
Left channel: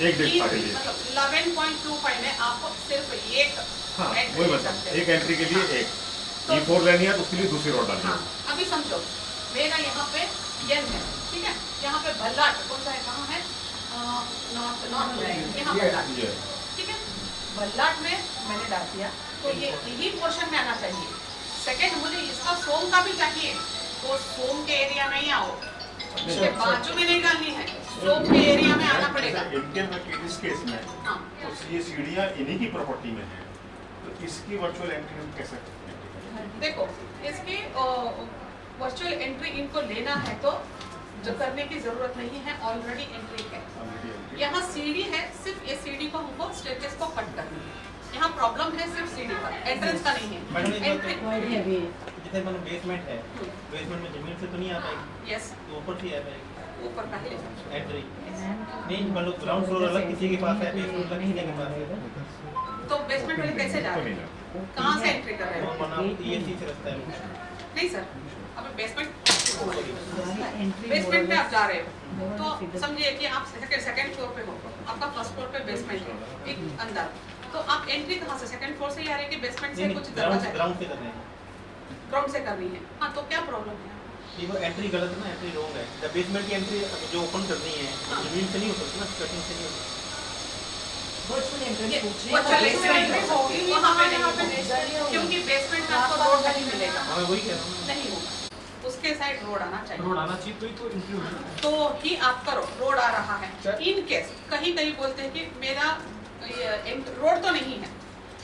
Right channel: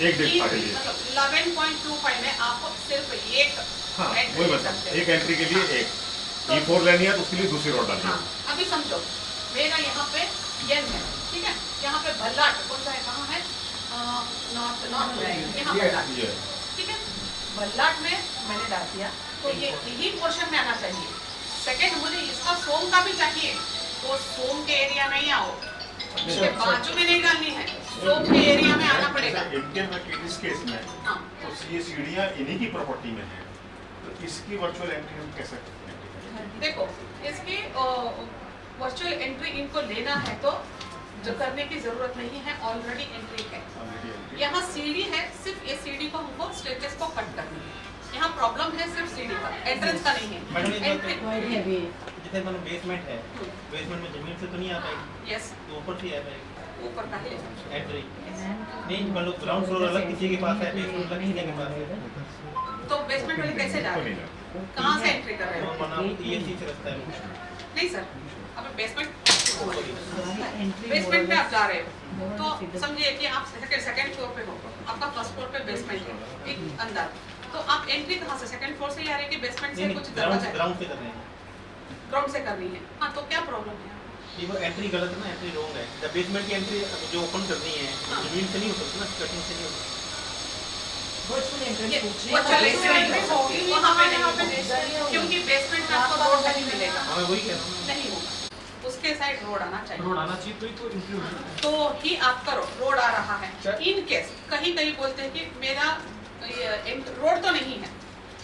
एक डिस्क के लिए। मतलब 11.25 में आपको सिर्फ एक हाँ, entry वही ले मतलब सकते हैं। एक एंट्री के लिए एक तो- E4 लेनी है तो उसके लिए दूसरी रॉड डालनी हाँ, है। अभी समझो मेरा यहाँ पे यन है, ठीक है, यहाँ पे भल्लाट कौन सा है, कहाँ है, नॉर्थ नॉर्थ में, यहाँ भल्लाट, ये ठीक है, भल्लाट में मैंने डाल दिया तो ये यही पोर्शन में आना चाहिए। सेकंड, मुझे इसका सोम का भी चाहिए तो सोम के एरिया में ही आओ, इसके बाजू में नहीं डालनी है, सोम के एरिया में आना पड़ेगा। इंडियन मैकेनिक्स केस में हाँ, तो ये सीढ़ियाँ इन्हीं की प्रॉपर्टी में है, तो इसकी वर्चुअल एंट्री हम कैसे करें? देखो इसकी वर्चुअल एंट्री इनको लेना है तो जो करने की जरूरत नहीं है, ऑलरेडी एंट्री है। यहाँ सीढ़ी है, सिर्फ ये सीढ़ी को हमको स्टेयरकेस को कट करनी है, यहाँ प्रॉब्लम है सिर्फ सीढ़ी का, एंट्रेंस का नहीं मैडम, है। ये जैसे मानो बेसमेंट है, बेसमेंट में जमीन से तो नहीं आ पाएगी, यस, तो ऊपर से आ पाएगी ऊपर का ही ले सकते एंट्री। नहीं मान लो ग्राउंड फ्लोर अलग किसी के पास है, बेसमेंट अलग किसी के पास है, हो। तो बेसमेंट में कैसे जा रहे हैं, कहाँ से एंट्री कर रहे तो हो? माना ये चीज रास्ता है। नहीं सर, अब बेसमेंट में आप जा रहे हो तो समझिए कि आप सेकंड फ्लोर पे हो, आपका फर्स्ट फ्लोर पे बेसमेंट है एक अंदर, तो आप एंट्री कहाँ से, सेकंड फ्लोर से ही आ रहे हैं कि बेसमेंट से कुछ दरवाजा है? ग्राउंड से कर रहे हैं, ग्राउंड से करनी है। हाँ, तो क्या प्रॉब्लम है? ये वो एंट्री गलत है ना, एंट्री रॉन्ग है। जब बेसमेंट की एंट्री जो ओपन करनी है जमीन से नहीं हो सकती ना, कटिंग से नहीं हो सकती। वर्चुअल एंट्रेंस वर्चुअल एंट्रेंस होगी वहाँ पे नहीं होगी, क्योंकि बेसमेंट में आपको रोड नहीं मिलेगा, मैं वही कह रहा हूँ। नहीं होगा, उसके साइड रोड आना चाहिए, रोड आना चाहिए तो ही तो एंट्री होगी। तो ही आपका रोड आ रहा है। इन केस कहीं कहीं बोलते हैं कि मेरा रोड तो नहीं है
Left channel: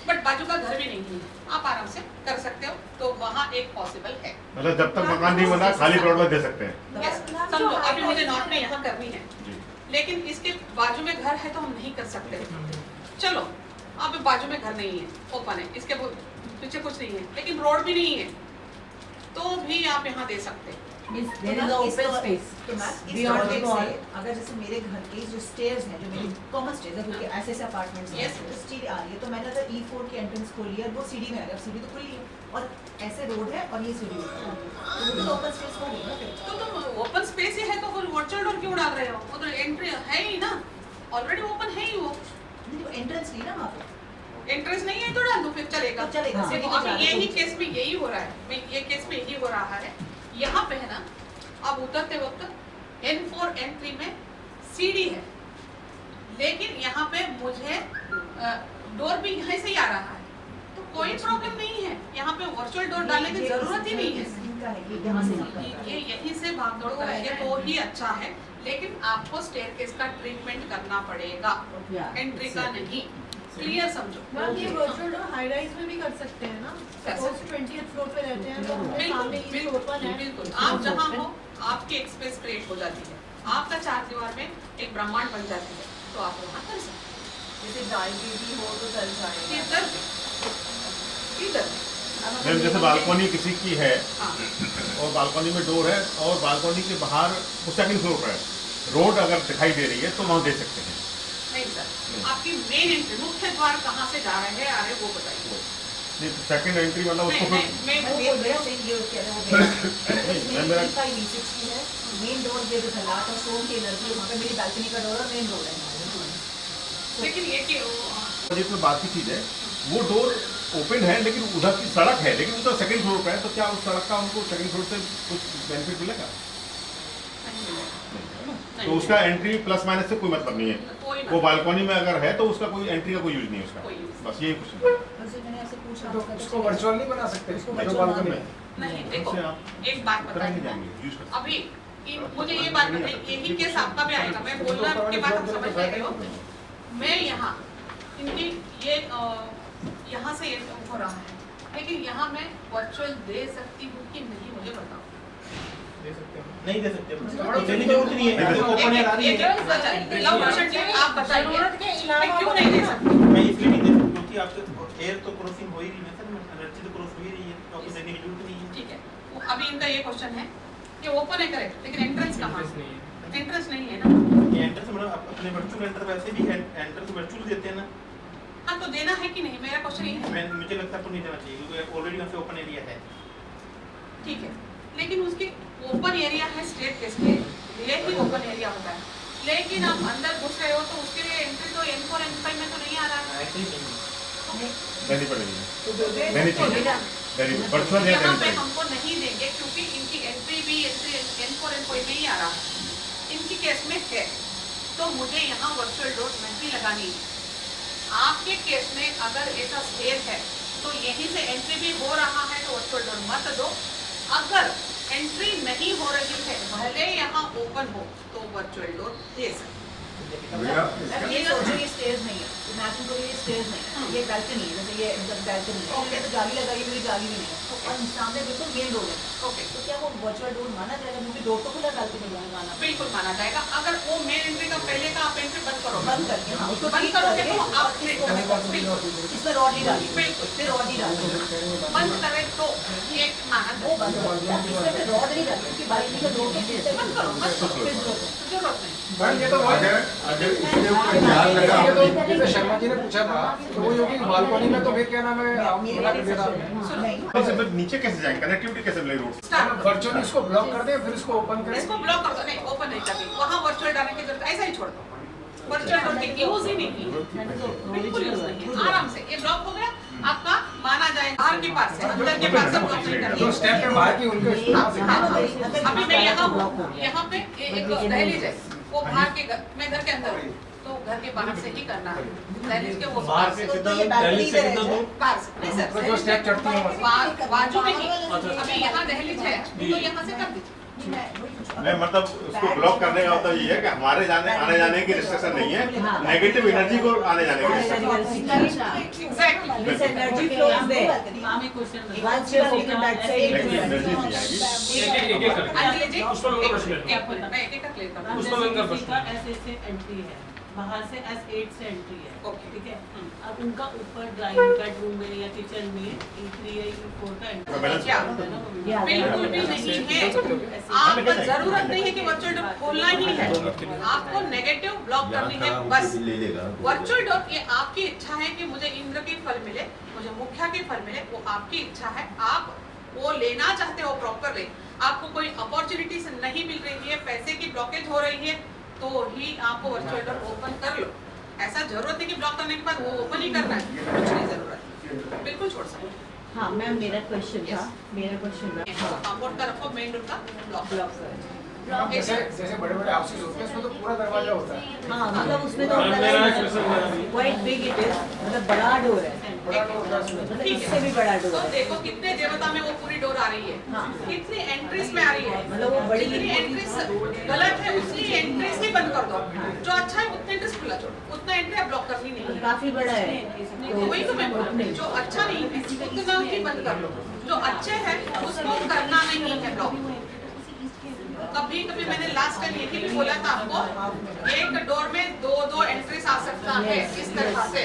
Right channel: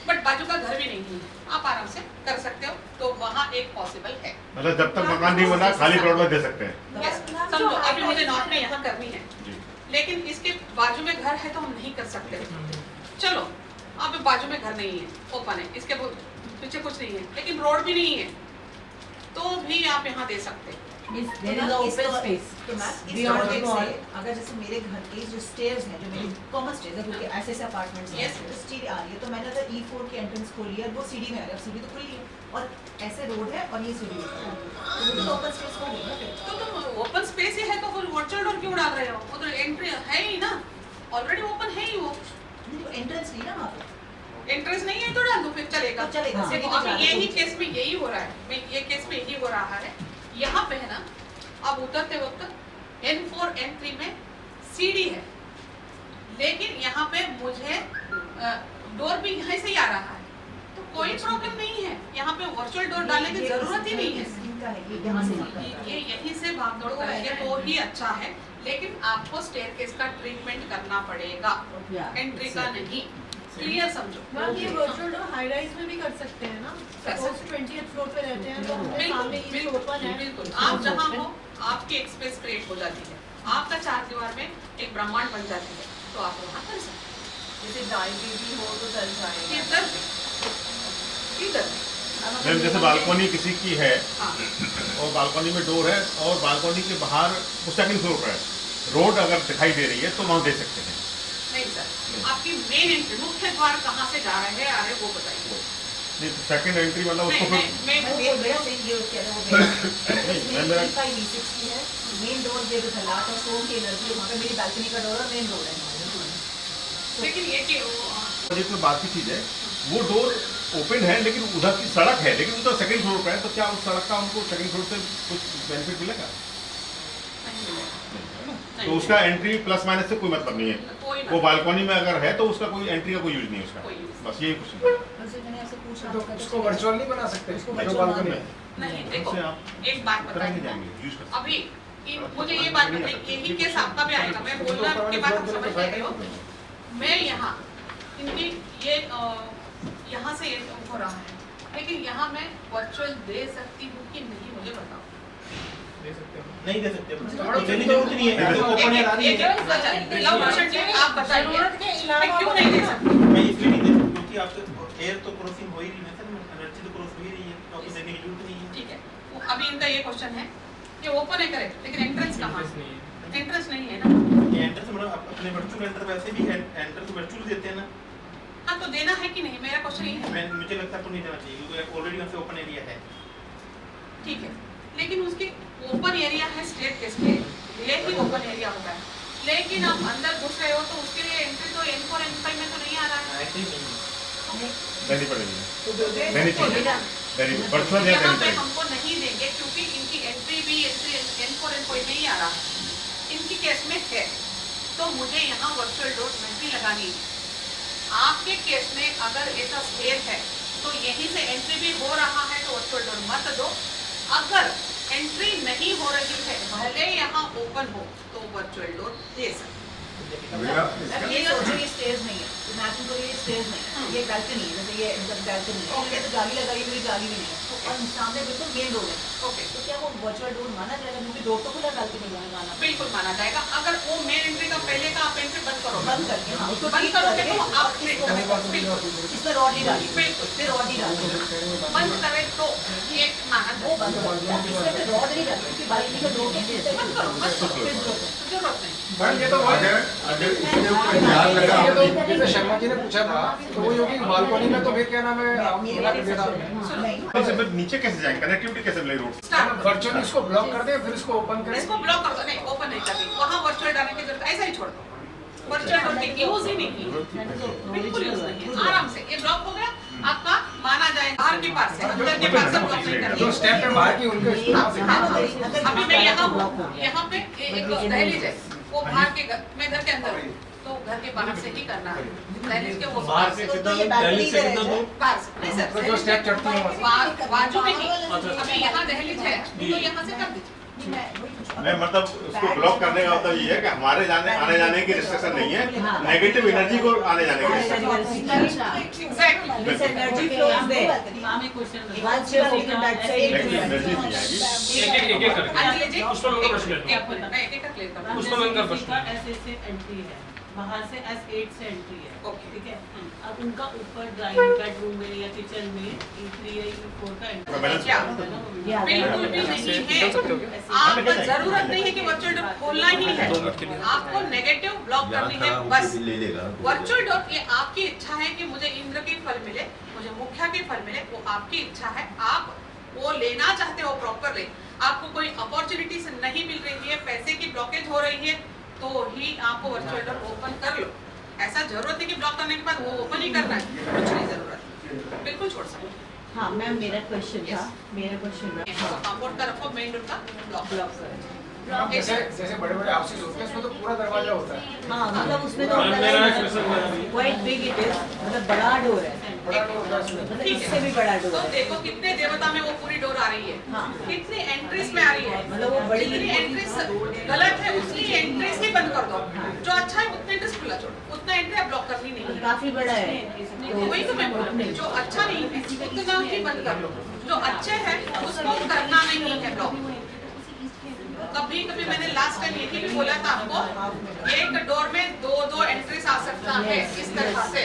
बट बाजू का घर भी नहीं है, आप आराम से कर सकते हो, तो वहाँ एक पॉसिबल है। मतलब जब तक मकान नहीं बना खाली प्लॉट में दे सकते हैं। Yes, समझो अभी मुझे नॉर्थ में यहाँ करनी है, जी। लेकिन इसके बाजू में घर है तो हम नहीं कर सकते। चलो अब बाजू में घर नहीं है, ओपन है, इसके पीछे कुछ नहीं है, लेकिन रोड भी नहीं है, तो भी आप यहाँ दे सकते हैं। There is open space. तो मैम इस लॉजिक से अगर जैसे मेरे घर के जो स्टेयर्स हैं, जो मेरी कॉमन स्टेयर्स है, क्योंकि ऐसे ऐसे अपार्टमेंट्स हैं, Yes. तो सीढ़ी आ रही है, तो मैंने अगर E4 की एंट्रेंस खोली है, वो सीढ़ी में आ रही है, अब सीढ़ी तो खुली है और ऐसे रोड है और ये सीढ़ी है, तो वो तो ओपन स्पेस हो गई ना फिर। तो तुम ओपन स्पेस ही है तो फिर वर्चुअल डोर क्यों डाल रहे हो? वो तो एंट्री है ही ना, ऑलरेडी ओपन है ही वो, नहीं तो एंट्रेंस नहीं ना वहाँ पे। एंट्रेंस नहीं है तो डाल दो, फिर चलेगा। तो चलेगा। देखो अभी यही केस में यही हो रहा है, ये केस में यही हो रहा है। यहाँ पे है ना, अब उतरते वक्त N4 N3 में सीढ़ी है, लेकिन यहाँ पे मुझे डोर भी यहाँ से ही आ रहा है, तो कोई प्रॉब्लम नहीं है, यहाँ पे वर्चुअल डोर डालने की जरूरत ही नहीं है। इनका है, ये यहाँ से ये यहीं से भागदौड़ करेंगे तो ही अच्छा है, लेकिन आपको स्टेयरकेस का ट्रीटमेंट करना पड़ेगा, एंट्री का नहीं। क्लियर समझो। मैम ये वर्चुअल डोर हाई राइज में भी कर सकते हैं ना? सपोज 20th फ्लोर पे रहते हैं तो हमारे सामने ये ओपन है। बिल्कुल, आप जहाँ हो आपकी एक स्पेस क्रिएट हो जाती है, आपका चार दीवार में एक ब्रह्मांड बन जाती है, तो आप वहाँ कर सकते हैं। जैसे जाएगी भी हो तो चल जाएगा। इधर भी, इधर भी। मैम जैसे बालकनी किसी की है हाँ। और बालकनी में डोर है और बालकनी के बाहर सेकंड फ्लोर पर है, रोड अगर दिखाई दे रही है तो वहाँ दे सकते हैं। नहीं सर, आपकी मेन एंट्री मुख्य द्वार कहाँ से जा रहे हैं आ रहे वो बताइए। नहीं तो सेकंड एंट्री मतलब उसको नहीं, फिर मैं वो मेरा सेम ये कह रहा हूँ मेरा 5V60 है, मेन डोर ये जो है लास्ट और सोम की एनर्जी वहाँ पे मेरी बालकनी का डोर और मेन डोर है। लेकिन ये कि जिसमें बात की चीज है वो डोर ओपन है लेकिन उधर की सड़क है, लेकिन उधर सेकंड फ्लोर पर है, तो क्या उस सड़क का उनको सेकंड फ्लोर से कुछ बेनिफिट मिलेगा? तो उसका एंट्री प्लस माइनस से कोई मतलब नहीं है, वो बालकनी में अगर है तो उसका कोई एंट्री का कोई यूज नहीं है उसका, बस यही क्वेश्चन। तो उसको वर्चुअल नहीं बना सकते उसको जो virtual बालकनी मान है। नहीं देखो, एक बात बताइए अभी मुझे ये बात बताइए, यही केस आपका भी आएगा, मैं बोलना के बाद हम समझ रहे हो। मैं यहाँ इनकी ये यहाँ से ये हो रहा है, लेकिन यहाँ मैं वर्चुअल दे सकती हूँ कि नहीं मुझे बताओ। नहीं दे सकते, देने की जरूरत नहीं है, ओपन एयर आ रही है। लव वर्षन जी आप बताइए मैं क्यों नहीं दे सकती? मैं इसलिए नहीं दे सकती क्योंकि आपके एयर तो क्रॉसिंग हो ही रही है सर, एनर्जी तो क्रॉस हो ही रही है, तो आपको देने की जरूरत नहीं है। ठीक है, अभी इनका ये क्वेश्चन है कि ओपन है करेक्ट, लेकिन एंट्रेंस कहाँ है? एंट्रेंस नहीं है ना। ये एंट्रेंस मतलब अपने वर्चुअल एंटर वैसे भी एंट्रेंस वर्चुअल देते हैं ना। हाँ तो देना है कि नहीं, मेरा क्वेश्चन ये है। मुझे लगता है आपको नहीं देना चाहिए क्योंकि ऑलरेडी वहाँ पे ओपन एरिया है। ठीक है, लेकिन उसकी ओपन एरिया है स्टेट केस के लिए ही ओपन एरिया होता है, लेकिन आप अंदर घुस रहे हो तो उसके लिए एंट्री तो N4 N5 में तो नहीं आ रहा है। देनी पड़ेगी, देनी चाहिए वर्चुअल या यहाँ पे देनी हमको नहीं देंगे क्योंकि इनकी एंट्री भी N4 N5 में ही आ रहा है, इनकी केस में है, तो मुझे यहाँ वर्चुअल डोर नहीं लगानी है। आपके केस में अगर ऐसा स्टेयर है तो यहीं से एंट्री भी हो रहा है तो वर्चुअल डोर मत दो। अगर एंट्री नहीं हो रही है भले यहाँ ओपन हो तो वर्चुअल डोर दे सकते। ये सोचो ये स्टेज नहीं है, इमेजिन करो ये स्टेज नहीं है, ये बालकनी है, जैसे ये बालकनी है, Okay. तो जाली लगाई हुई जाली भी नहीं है और सामने बिल्कुल मेन डोर है। ओके, तो क्या वो वर्चुअल डोर माना जाएगा क्योंकि डोर तो खुला बालकनी में लगाना बिल्कुल माना जाएगा। अगर वो मेन एंट्री का पहले का आप एंट्री बंद करो, बंद करके हाँ उसको बंद करोगे तो आप बिल्कुल इसमें रॉड ही डाली बिल्कुल फिर रॉड ही डाली बंद करे तो ये माना वो जाएगा। बंद कर दिया, इसमें फिर रॉड नहीं डाली क्योंकि बालकनी का डोर तो मत करो, मत करो, फिर जरूरत है। जरूरत नहीं। मैम ये तो अगर इसके ऊपर ध्यान लगा ये तो जैसे शर्मा जी ने पूछा था तो वो योगी बालकनी में तो फिर क्या नाम है आप मना कर देना से फिर नीचे कैसे जाएंगे, कनेक्टिविटी कैसे मिलेगी रोड से? वर्चुअली इसको ब्लॉक कर दें फिर इसको ओपन करें। इसको ब्लॉक कर दो, नहीं ओपन नहीं करनी, वहाँ वर्चुअल डालने की जरूरत, ऐसा ही छोड़ दो। वर्चुअल डोर की यूज ही नहीं की, बिल्कुल यूज नहीं है, आराम से ये ब्लॉक हो गया आपका, माना जाए बाहर के पास से अंदर के पास से ब्लॉक नहीं तो करनी। स्टेप पे बाहर की उनके अभी मैं यहाँ हूँ, यहाँ पे एक दहलीज है, वो बाहर के घर, मैं घर के अंदर हूँ, तो घर के बाहर से ही करना है। दहलीज के वो बाहर से कितना दिल्ली से कितना दूर? बाहर से नहीं सर, जो स्टेप चढ़ती है बाजू में ही, अभी यहाँ दहलीज है तो यहाँ से कर दीजिए। नहीं मतलब उसको ब्लॉक करने का मतलब ये है कि हमारे जाने आने जाने की रिस्ट्रिक्शन नहीं है, नेगेटिव एनर्जी को आने जाने की restriction. Exactly energy flow is there once you open that side लेकिन एनर्जी नहीं आएगी। एक करके अंजलि जी उसको लोगों का प्रश्न एक मिनट मैं एक क्लियर कर दूं। उसको लंगर प्रश्न ऐसे से एंट्री है, बाहर से S8 से एंट्री है, ओके ठीक है। अब उनका ऊपर ड्राइंग बेडरूम में या किचन में E3 या E4 का एंट्री क्या बिल्कुल भी नहीं है, आपको जरूरत नहीं है कि वर्चुअल डोर खोलना ही है, आपको नेगेटिव ब्लॉक करनी है बस। वर्चुअल डोर ये आपकी इच्छा है कि मुझे इंद्र की फल मिले, मुझे मुख्या की फल मिले, वो आपकी इच्छा है, आप वो लेना चाहते हो प्रॉपरली, आपको कोई अपॉर्चुनिटीज नहीं मिल रही है, पैसे की ब्लॉकेज हो रही है तो ही आपको वर्चुअल डोर ओपन कर लो। ऐसा जरूरत है कि ब्लॉक करने के बाद वो ओपन ही करना है, कुछ नहीं जरूरत, बिल्कुल छोड़ सकते हैं। हाँ मैम मेरा क्वेश्चन था कंपाउंड का रखो, मेन डोर का ब्लॉक जैसे जैसे बड़े बड़े ऑफिस होते हैं उसमें तो पूरा दरवाजा होता है। हाँ मतलब उसमें तो क्वाइट बिग इट इज, मतलब बड़ा डोर है, बड़ा डोर होता है उसमें। मतलब इससे भी बड़ा डोर तो है। देखो कितने देवता में वो पूरी डोर आ रही है, हाँ। कितनी एंट्रीज में आ रही है, मतलब वो बड़ी जितनी एंट्रीज गलत है उसकी एंट्रीज ही बंद कर दो, जो अच्छा है उतने एंट्रीज खुला छोड़ो, उतना एंट्री आप ब्लॉक करनी नहीं है। काफी बड़ा है। वही तो मैं बोल रही हूँ, जो अच्छा नहीं है उतना ही बंद कर लो, जो अच्छे है उसको करना नहीं है ब्लॉक। कभी कभी मैंने लास्ट टाइम यही भी बोला था आपको, एक डोर में दो एंट्रीज आ सकता है इस तरह से,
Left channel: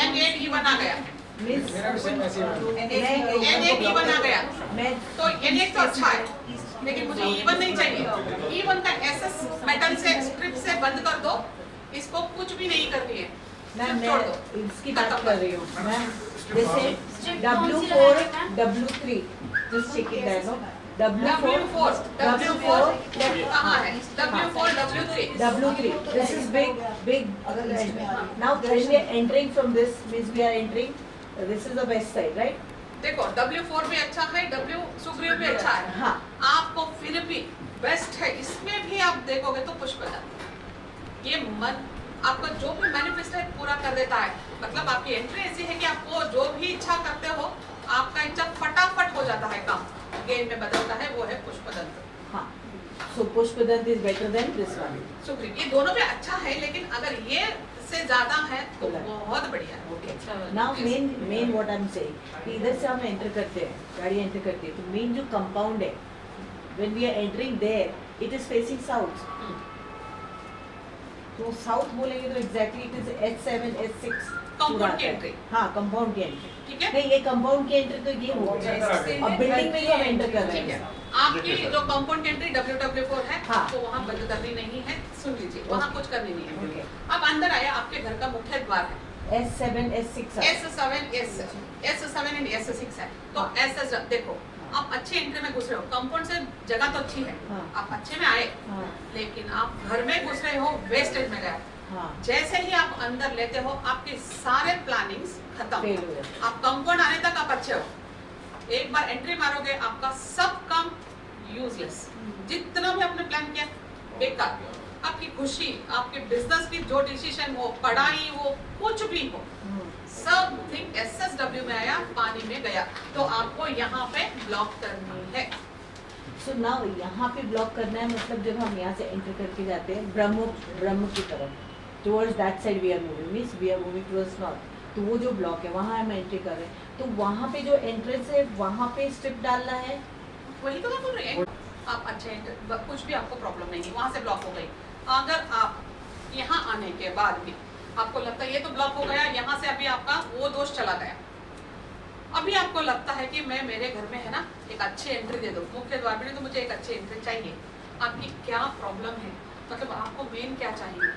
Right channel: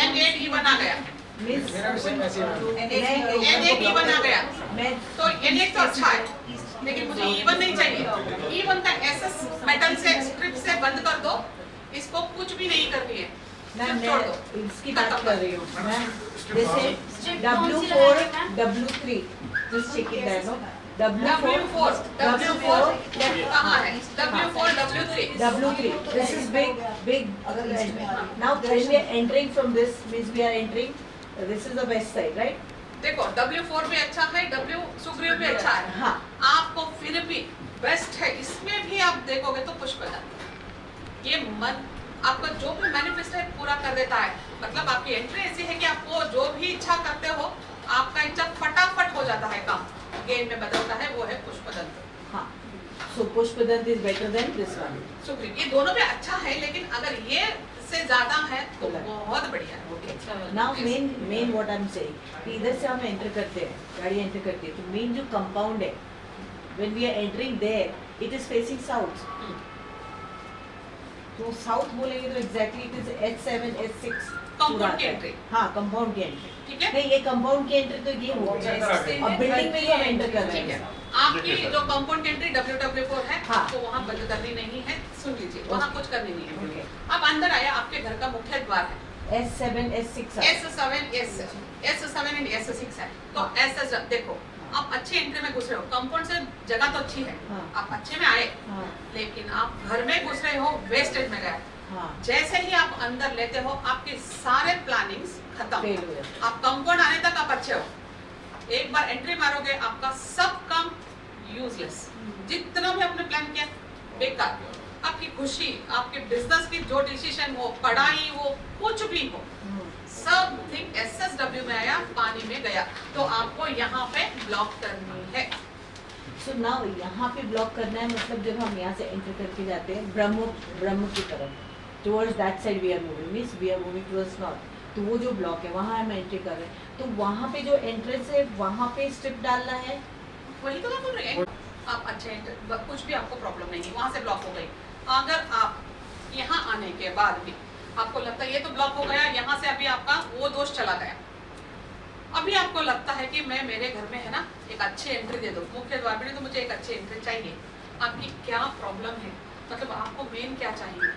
N8 इवन आ गया, N8 इवन आ गया, तो N8 तो अच्छा है, लेकिन मुझे इवन नहीं चाहिए। इवन का SS मेटल से स्ट्रिप से बंद कर दो, इसको कुछ भी नहीं करनी है, मैं छोड़ दो। इसकी बात कर रही हूँ मैं, जैसे W4 W3 just check it there, no? W4 कहाँ है? W4 W3 this is big now when we are entering from this means we are entering this is the west side, right? देखो W4 भी अच्छा है, W Sugriva भी अच्छा है, हाँ। आपको फिर भी बेस्ट है, इसमें भी आप देखोगे तो पुष्पदा ये मन आपका जो भी मैनिफेस्ट है पूरा कर देता है। मतलब आपकी एंट्री ऐसी है कि आपको जो भी इच्छा करते हो आपका इच्छा फटाफट हो जाता है, काम गेम में बदलता है, वो है पुष्पदंत। हाँ, so Pushpadant is better than this one. Sugriva ये दोनों भी अच्छा है, लेकिन अगर ये से ज्यादा है तो बहुत बढ़िया है। Now main what I'm saying, कि इधर से हम एंटर करते हैं, गाड़ी एंटर करती है, तो मेन जो कंपाउंड है, when we are entering there, it is facing south. तो साउथ बोलेंगे तो exactly it is H7 H6 compound की एंट्री। हाँ, कंपाउंड की एंट्री, ठीक है। नहीं ये कंपाउंड की एंट्री तो ये हो गया, अब बिल्डिंग में जो हम एंटर कर रहे हैं, आपकी जो कंपाउंड की एंट्री WW4 है, हाँ। तो वहाँ बंद करनी नहीं है, सुन लीजिए, वहाँ कुछ करनी नहीं है। अब अंदर आया, आपके घर का मुख्य द्वार है, S7 S6 S7 and S6 है, तो SS देखो आप अच्छी एंट्री में घुस रहे हो, कंपाउंड से जगह तो अच्छी है, आप अच्छे में आए, लेकिन आप घर में घुस रहे हो, वेस्टेज में गए। जैसे ही आप अंदर लेते हो आपके सारे प्लानिंग्स खत्म, आप कंपाउंड आने तक आप अच्छे हो, एक बार एंट्री मारोगे आपका सब काम यूजलेस, जितना भी आपने प्लान किया बेकार। आपकी खुशी, आपके बिजनेस की जो डिसीजन हो, पढ़ाई हो, कुछ भी हो, सब थिंग SSW में आया, पानी में गया, तो आपको यहाँ पे ब्लॉक करनी है। So now यहाँ पे ब्लॉक करना है, मतलब जब हम यहाँ से एंटर करके जाते हैं ब्रह्म की तरफ, towards that side we are moving, means we are moving towards north, तो वो जो ब्लॉक है वहाँ हम एंट्री कर रहे हैं, तो वहाँ पे जो एंट्रेंस है वहाँ पे स्ट्रिप डालना है, वही तो मैं बोल रही हूँ। आप अच्छे कुछ भी आपको प्रॉब्लम नहीं है, वहाँ से ब्लॉक हो गई। अगर आप यहाँ आने के बाद भी आपको लगता है ये तो ब्लॉक हो गया, यहाँ से अभी आपका वो दोष चला गया, अभी आपको लगता है कि मैं मेरे घर में है ना एक अच्छी एंट्री दे दो, मुख्य द्वार में, तो मुझे एक अच्छी एंट्री चाहिए। आपकी क्या प्रॉब्लम है, मतलब आपको मेन क्या चाहिए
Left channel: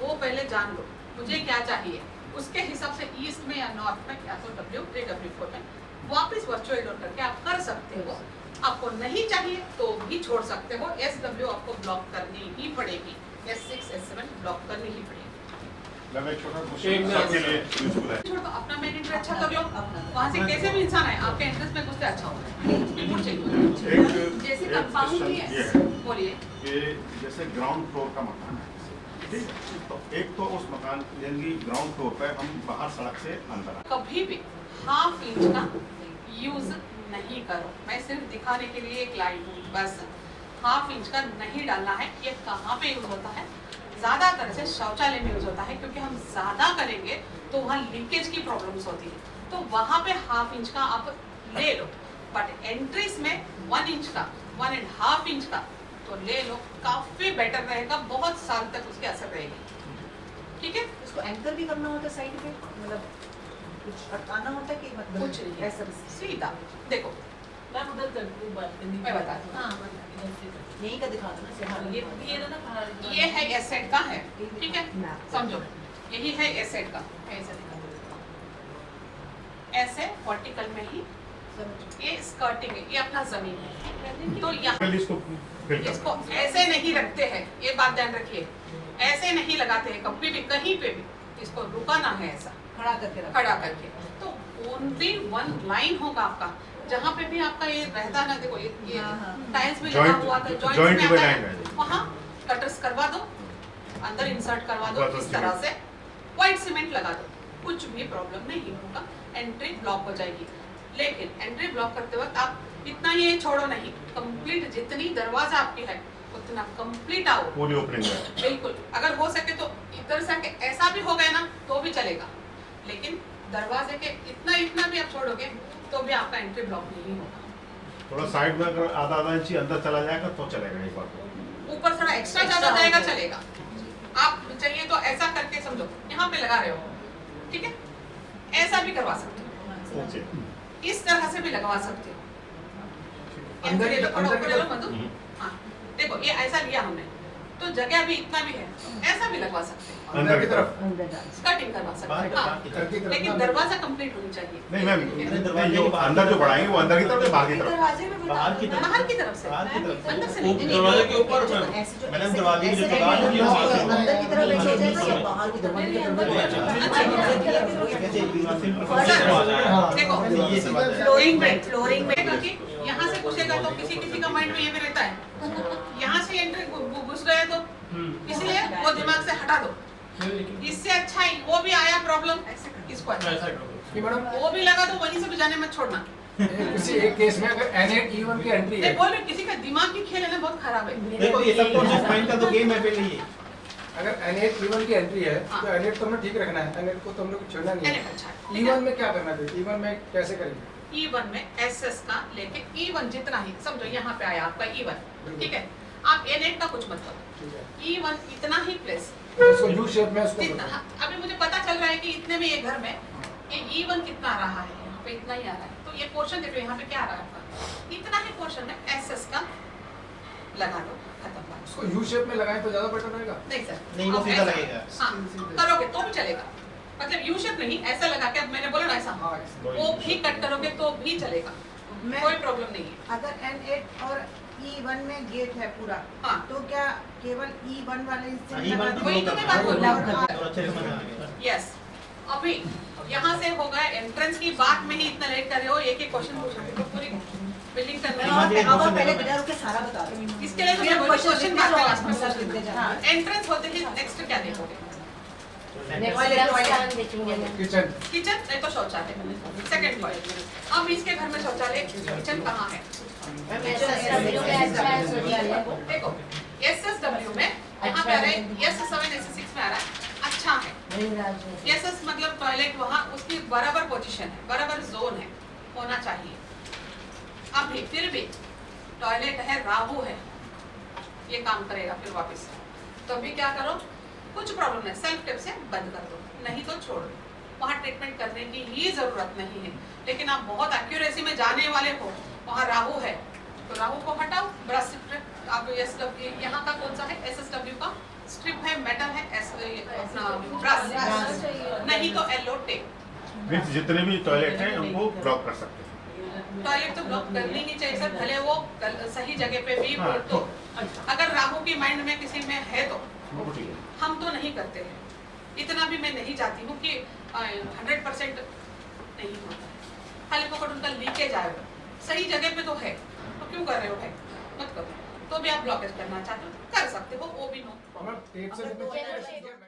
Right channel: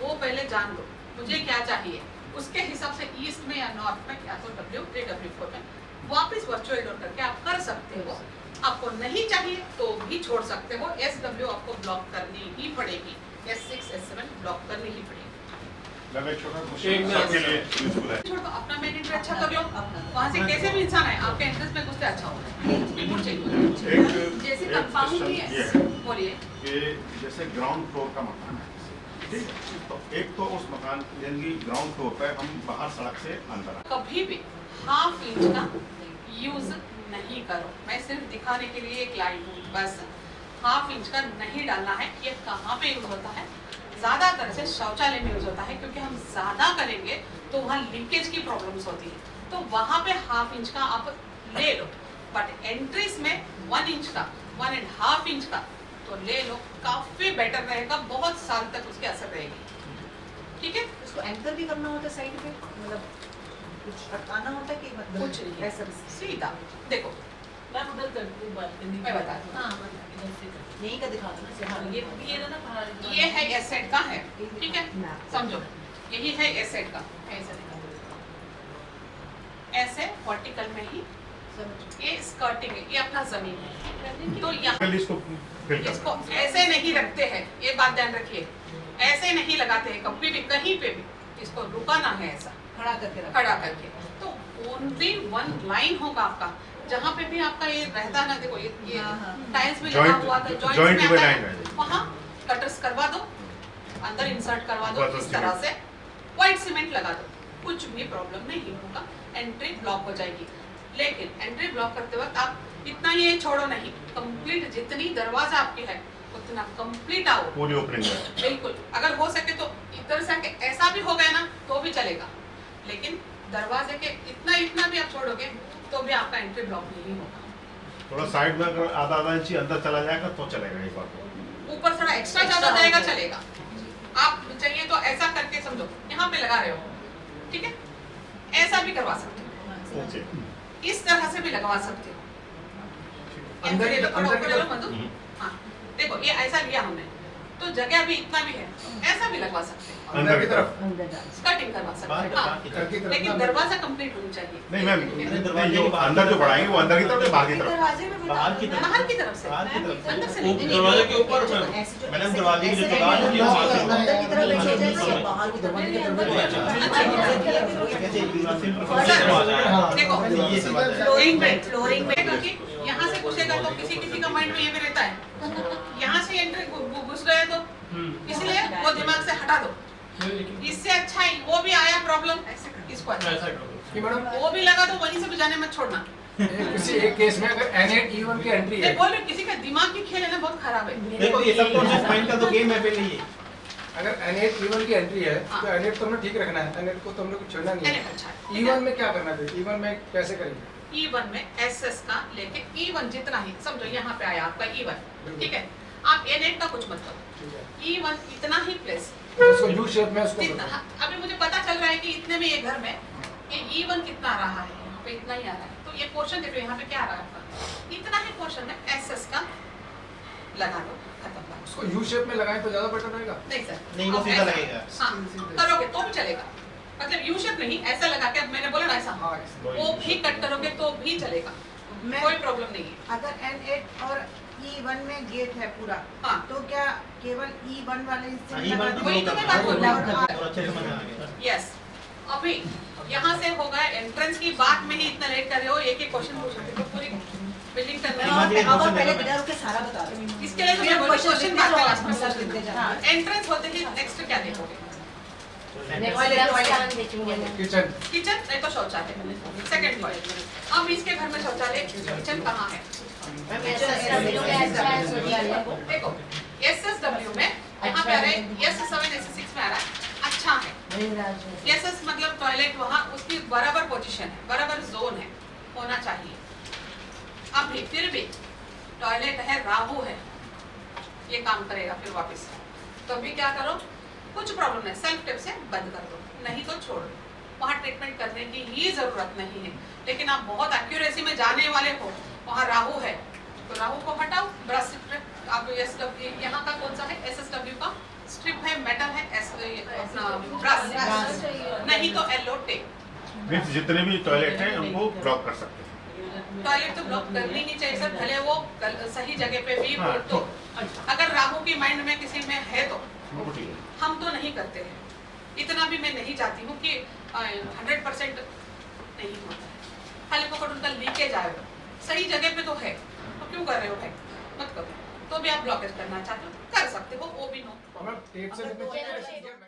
वो पहले जान लो, मुझे क्या चाहिए, उसके हिसाब से ईस्ट में या नॉर्थ में या तो W3 W4 में वापस वर्चुअल डोर करके आप कर सकते हो। आपको नहीं चाहिए तो भी छोड़ सकते हो, SW आपको ब्लॉक करनी ही पड़ेगी, S6 S7 ब्लॉक करनी ही पड़ेगी। मैं छोटा क्वेश्चन सबके लिए यूजफुल है। छोड़ दो, अपना मेन एंट्री अच्छा कर लो, वहाँ से कैसे भी इंसान है आपके एंट्रेंस में घुसते अच्छा होगा, बिल्कुल चाहिए। जैसे कंपाउंड भी है, बोलिए कि जैसे ग्राउंड फ्लोर का मकान है, ठीक है, तो एक तो उस मकान यानी ग्राउंड फ्लोर पे हम बाहर सड़क से अंदर आए, कभी भी ½ इंच का यूज नहीं करो, मैं सिर्फ दिखाने के लिए एक लाइन हूँ बस, ½ इंच का नहीं डालना है। ये कहाँ पे यूज होता है, ज्यादातर से शौचालय में यूज होता है, क्योंकि हम ज्यादा करेंगे तो वहाँ लीकेज की प्रॉब्लम्स होती है, तो वहाँ पे ½ इंच का आप ले लो, बट एंट्रीज में 1 इंच का 1.5 इंच का तो ले लो, काफी बेटर रहेगा, बहुत साल तक उसकी असर रहेगी। ठीक है, उसको एंकर भी करना होता है साइड पे, मतलब कुछ अटकाना होता है कि मतलब कुछ नहीं, ऐसा सीधा देखो मैं उधर करती हूँ बालकनी, मैं बता दूँ, यहीं का दिखा दो ना, ये है एसेट का है, ठीक है, समझो यही है एसेट का, ऐसे दिखा दो, ऐसे वर्टिकल में ही ये स्कर्टिंग है, ये अपना जमीन है, तो यहाँ इसको ऐसे नहीं रखते हैं, ये बात ध्यान रखिए, ऐसे नहीं लगाते हैं कभी भी, कहीं पे भी इसको रुकाना है, ऐसा खड़ा करके, तो ओनली 1 लाइन होगा आपका, जहाँ पे भी आपका ये रहता ना, देखो ये टाइल्स में लगा हुआ था, जॉइंट में आता है, वहाँ कटर्स करवा दो, अंदर इंसर्ट करवा दो, इस तरह से व्हाइट सीमेंट लगा दो, कुछ भी प्रॉब्लम नहीं होगा, एंट्री ब्लॉक हो जाएगी। लेकिन एंट्री ब्लॉक करते वक्त आप इतना ये छोड़ो नहीं, कंप्लीट जितनी दरवाजा आपकी है उतना कंप्लीट आओ, पूरी ओपनिंग है, बिल्कुल। अगर हो सके तो इधर से आके ऐसा भी हो गया ना तो भी भी चलेगा, लेकिन दरवाजे के इतना भी आप छोड़ोगे तो भी आपका एंट्री ब्लॉक नहीं होगा। थोड़ा साइड में अगर आधा इंच अंदर चला जाएगा तो चलेगा एक बार, ऊपर थोड़ा एक्स्ट्रा ज्यादा जाएगा चलेगा। आप चाहिए तो ऐसा करके समझो, यहाँ पे लगा रहे हो, ठीक है, ऐसा भी करवा सकते हो, इस तरह से भी लगवा सकते हो। मधु, हाँ देखो ये ऐसा लिया हमने तो जगह भी इतना भी है, ऐसा भी लगवा सकते हैं, अंदर की तरफ कटिंग करवा सकते हैं, हाँ, लेकिन दरवाजा कंप्लीट होनी चाहिए। नहीं मैम, जो अंदर जो बढ़ाएंगे वो अंदर की तरफ या बाहर की तरफ? बाहर की तरफ से, अंदर से नहीं, दरवाजे के ऊपर मैडम, दरवाजे की जो दीवार है वो अंदर की तरफ एक हो जाए या बाहर की तरफ? देखो फ्लोरिंग में क्योंकि यहाँ से पूछेगा तो किसी का माइंड में ये भी रहता है, यहाँ से एंट्री घुस गए तो इसलिए वो दिमाग से हटा दो। इससे अच्छा ही वो भी आया प्रॉब्लम, इसको वो भी लगा तो वहीं से भी जाने मत छोड़ना। किसी एक केस में अगर N8 E1 की एंट्री है, बोल रहे किसी का दिमाग की खेल है ना बहुत खराब है। देखो ये सबकॉन्शियस माइंड का तो गेम है पहले ये। अगर N8 E1 की एंट्री है तो N8 तो हमें ठीक रखना है, N8 को तो हमने कुछ छोड़ना नहीं है। E1 में क्या करना है? E1 में कैसे करेंगे? E1 में SS का लेके E1 जितना ही समझो, यहाँ पे आया आपका E1, ठीक है, आप N8 का कुछ मत करो, E1 इतना ही प्लेस, उसको यू शेप में उसको इतना। अभी मुझे पता चल रहा है कि इतने में ये घर में ये E1 कितना आ रहा है, यहाँ पे इतना ही आ रहा है, तो ये पोर्शन देखो यहाँ पे क्या आ रहा है आपका, इतना ही पोर्शन में SS का लगा दो, खत्म। उसको यू शेप में लगाएं तो ज्यादा बेटर रहेगा? नहीं सर, नहीं वो सीधा लगेगा। हाँ करोगे तो भी चलेगा, मतलब यू शेप नहीं, ऐसा लगा के, अब मैंने बोला ना ऐसा, वो भी कट करोगे तो भी चलेगा, कोई प्रॉब्लम नहीं है। अगर N8 और E1 में गेट है पूरा, हाँ, तो क्या केवल E1 वाले हिस्से में E1 लगा वही तो मैं बात बोल रही हूँ। और अच्छे से समझ आ गया। यस, अभी यहाँ से होगा एंट्रेंस की बात में ही इतना लेट कर रहे हो, एक क्वेश्चन पूछोगे तो पूरी बिल्डिंग करना अब पहले बिना रुके सारा बता रहे हैं। इसके लिए तो मैं बोली क्वेश्चन बात में लास्ट में पूछ लेते हैं। एंट्रेंस होते ही नेक्स्ट क्या देखोगे? किचन, किचन नहीं तो शौचालय, सेकंड पॉइंट। अब इसके घर में शौचालय, किचन कहाँ है? देखो SSW में यहाँ पे आ रहा है, S7 S6 में आ रहा है, अच्छा है। SS मतलब टॉयलेट वहाँ उसकी बराबर पोजीशन है, बराबर जोन है, होना चाहिए। अभी फिर भी टॉयलेट है, राहु है, ये काम करेगा फिर वापस, तो अभी क्या करो, कुछ प्रॉब्लम नहीं, सेल्फ टेप से बंद कर दो, नहीं तो छोड़ दो, वहाँ ट्रीटमेंट करने की ही जरूरत नहीं है। लेकिन आप बहुत एक्यूरेसी में जाने वाले हो, वहाँ राहु है तो राहु को हटाओ, ब्रश स्ट्रिप, आप यहाँ का कौन सा है, SSW का स्ट्रिप है, मेटल है, ब्रश, नहीं तो येलो टेप। मींस जितने भी टॉयलेट हैं उनको ब्लॉक कर सकते हैं। टॉयलेट तो ब्लॉक करनी नहीं चाहिए सर, भले वो सही जगह पे भी हो तो। अगर राहु की माइंड में किसी में है तो हम तो नहीं करते हैं, इतना भी मैं नहीं चाहती हूँ कि 100% नहीं होता है, खाली पकड़ उनका लीकेज आएगा, सही जगह पे तो है, तो क्यों कर रहे हो भाई, मत करो। तो भी आप ब्लॉकेज करना चाहते हो कर सकते हो, वो भी नो।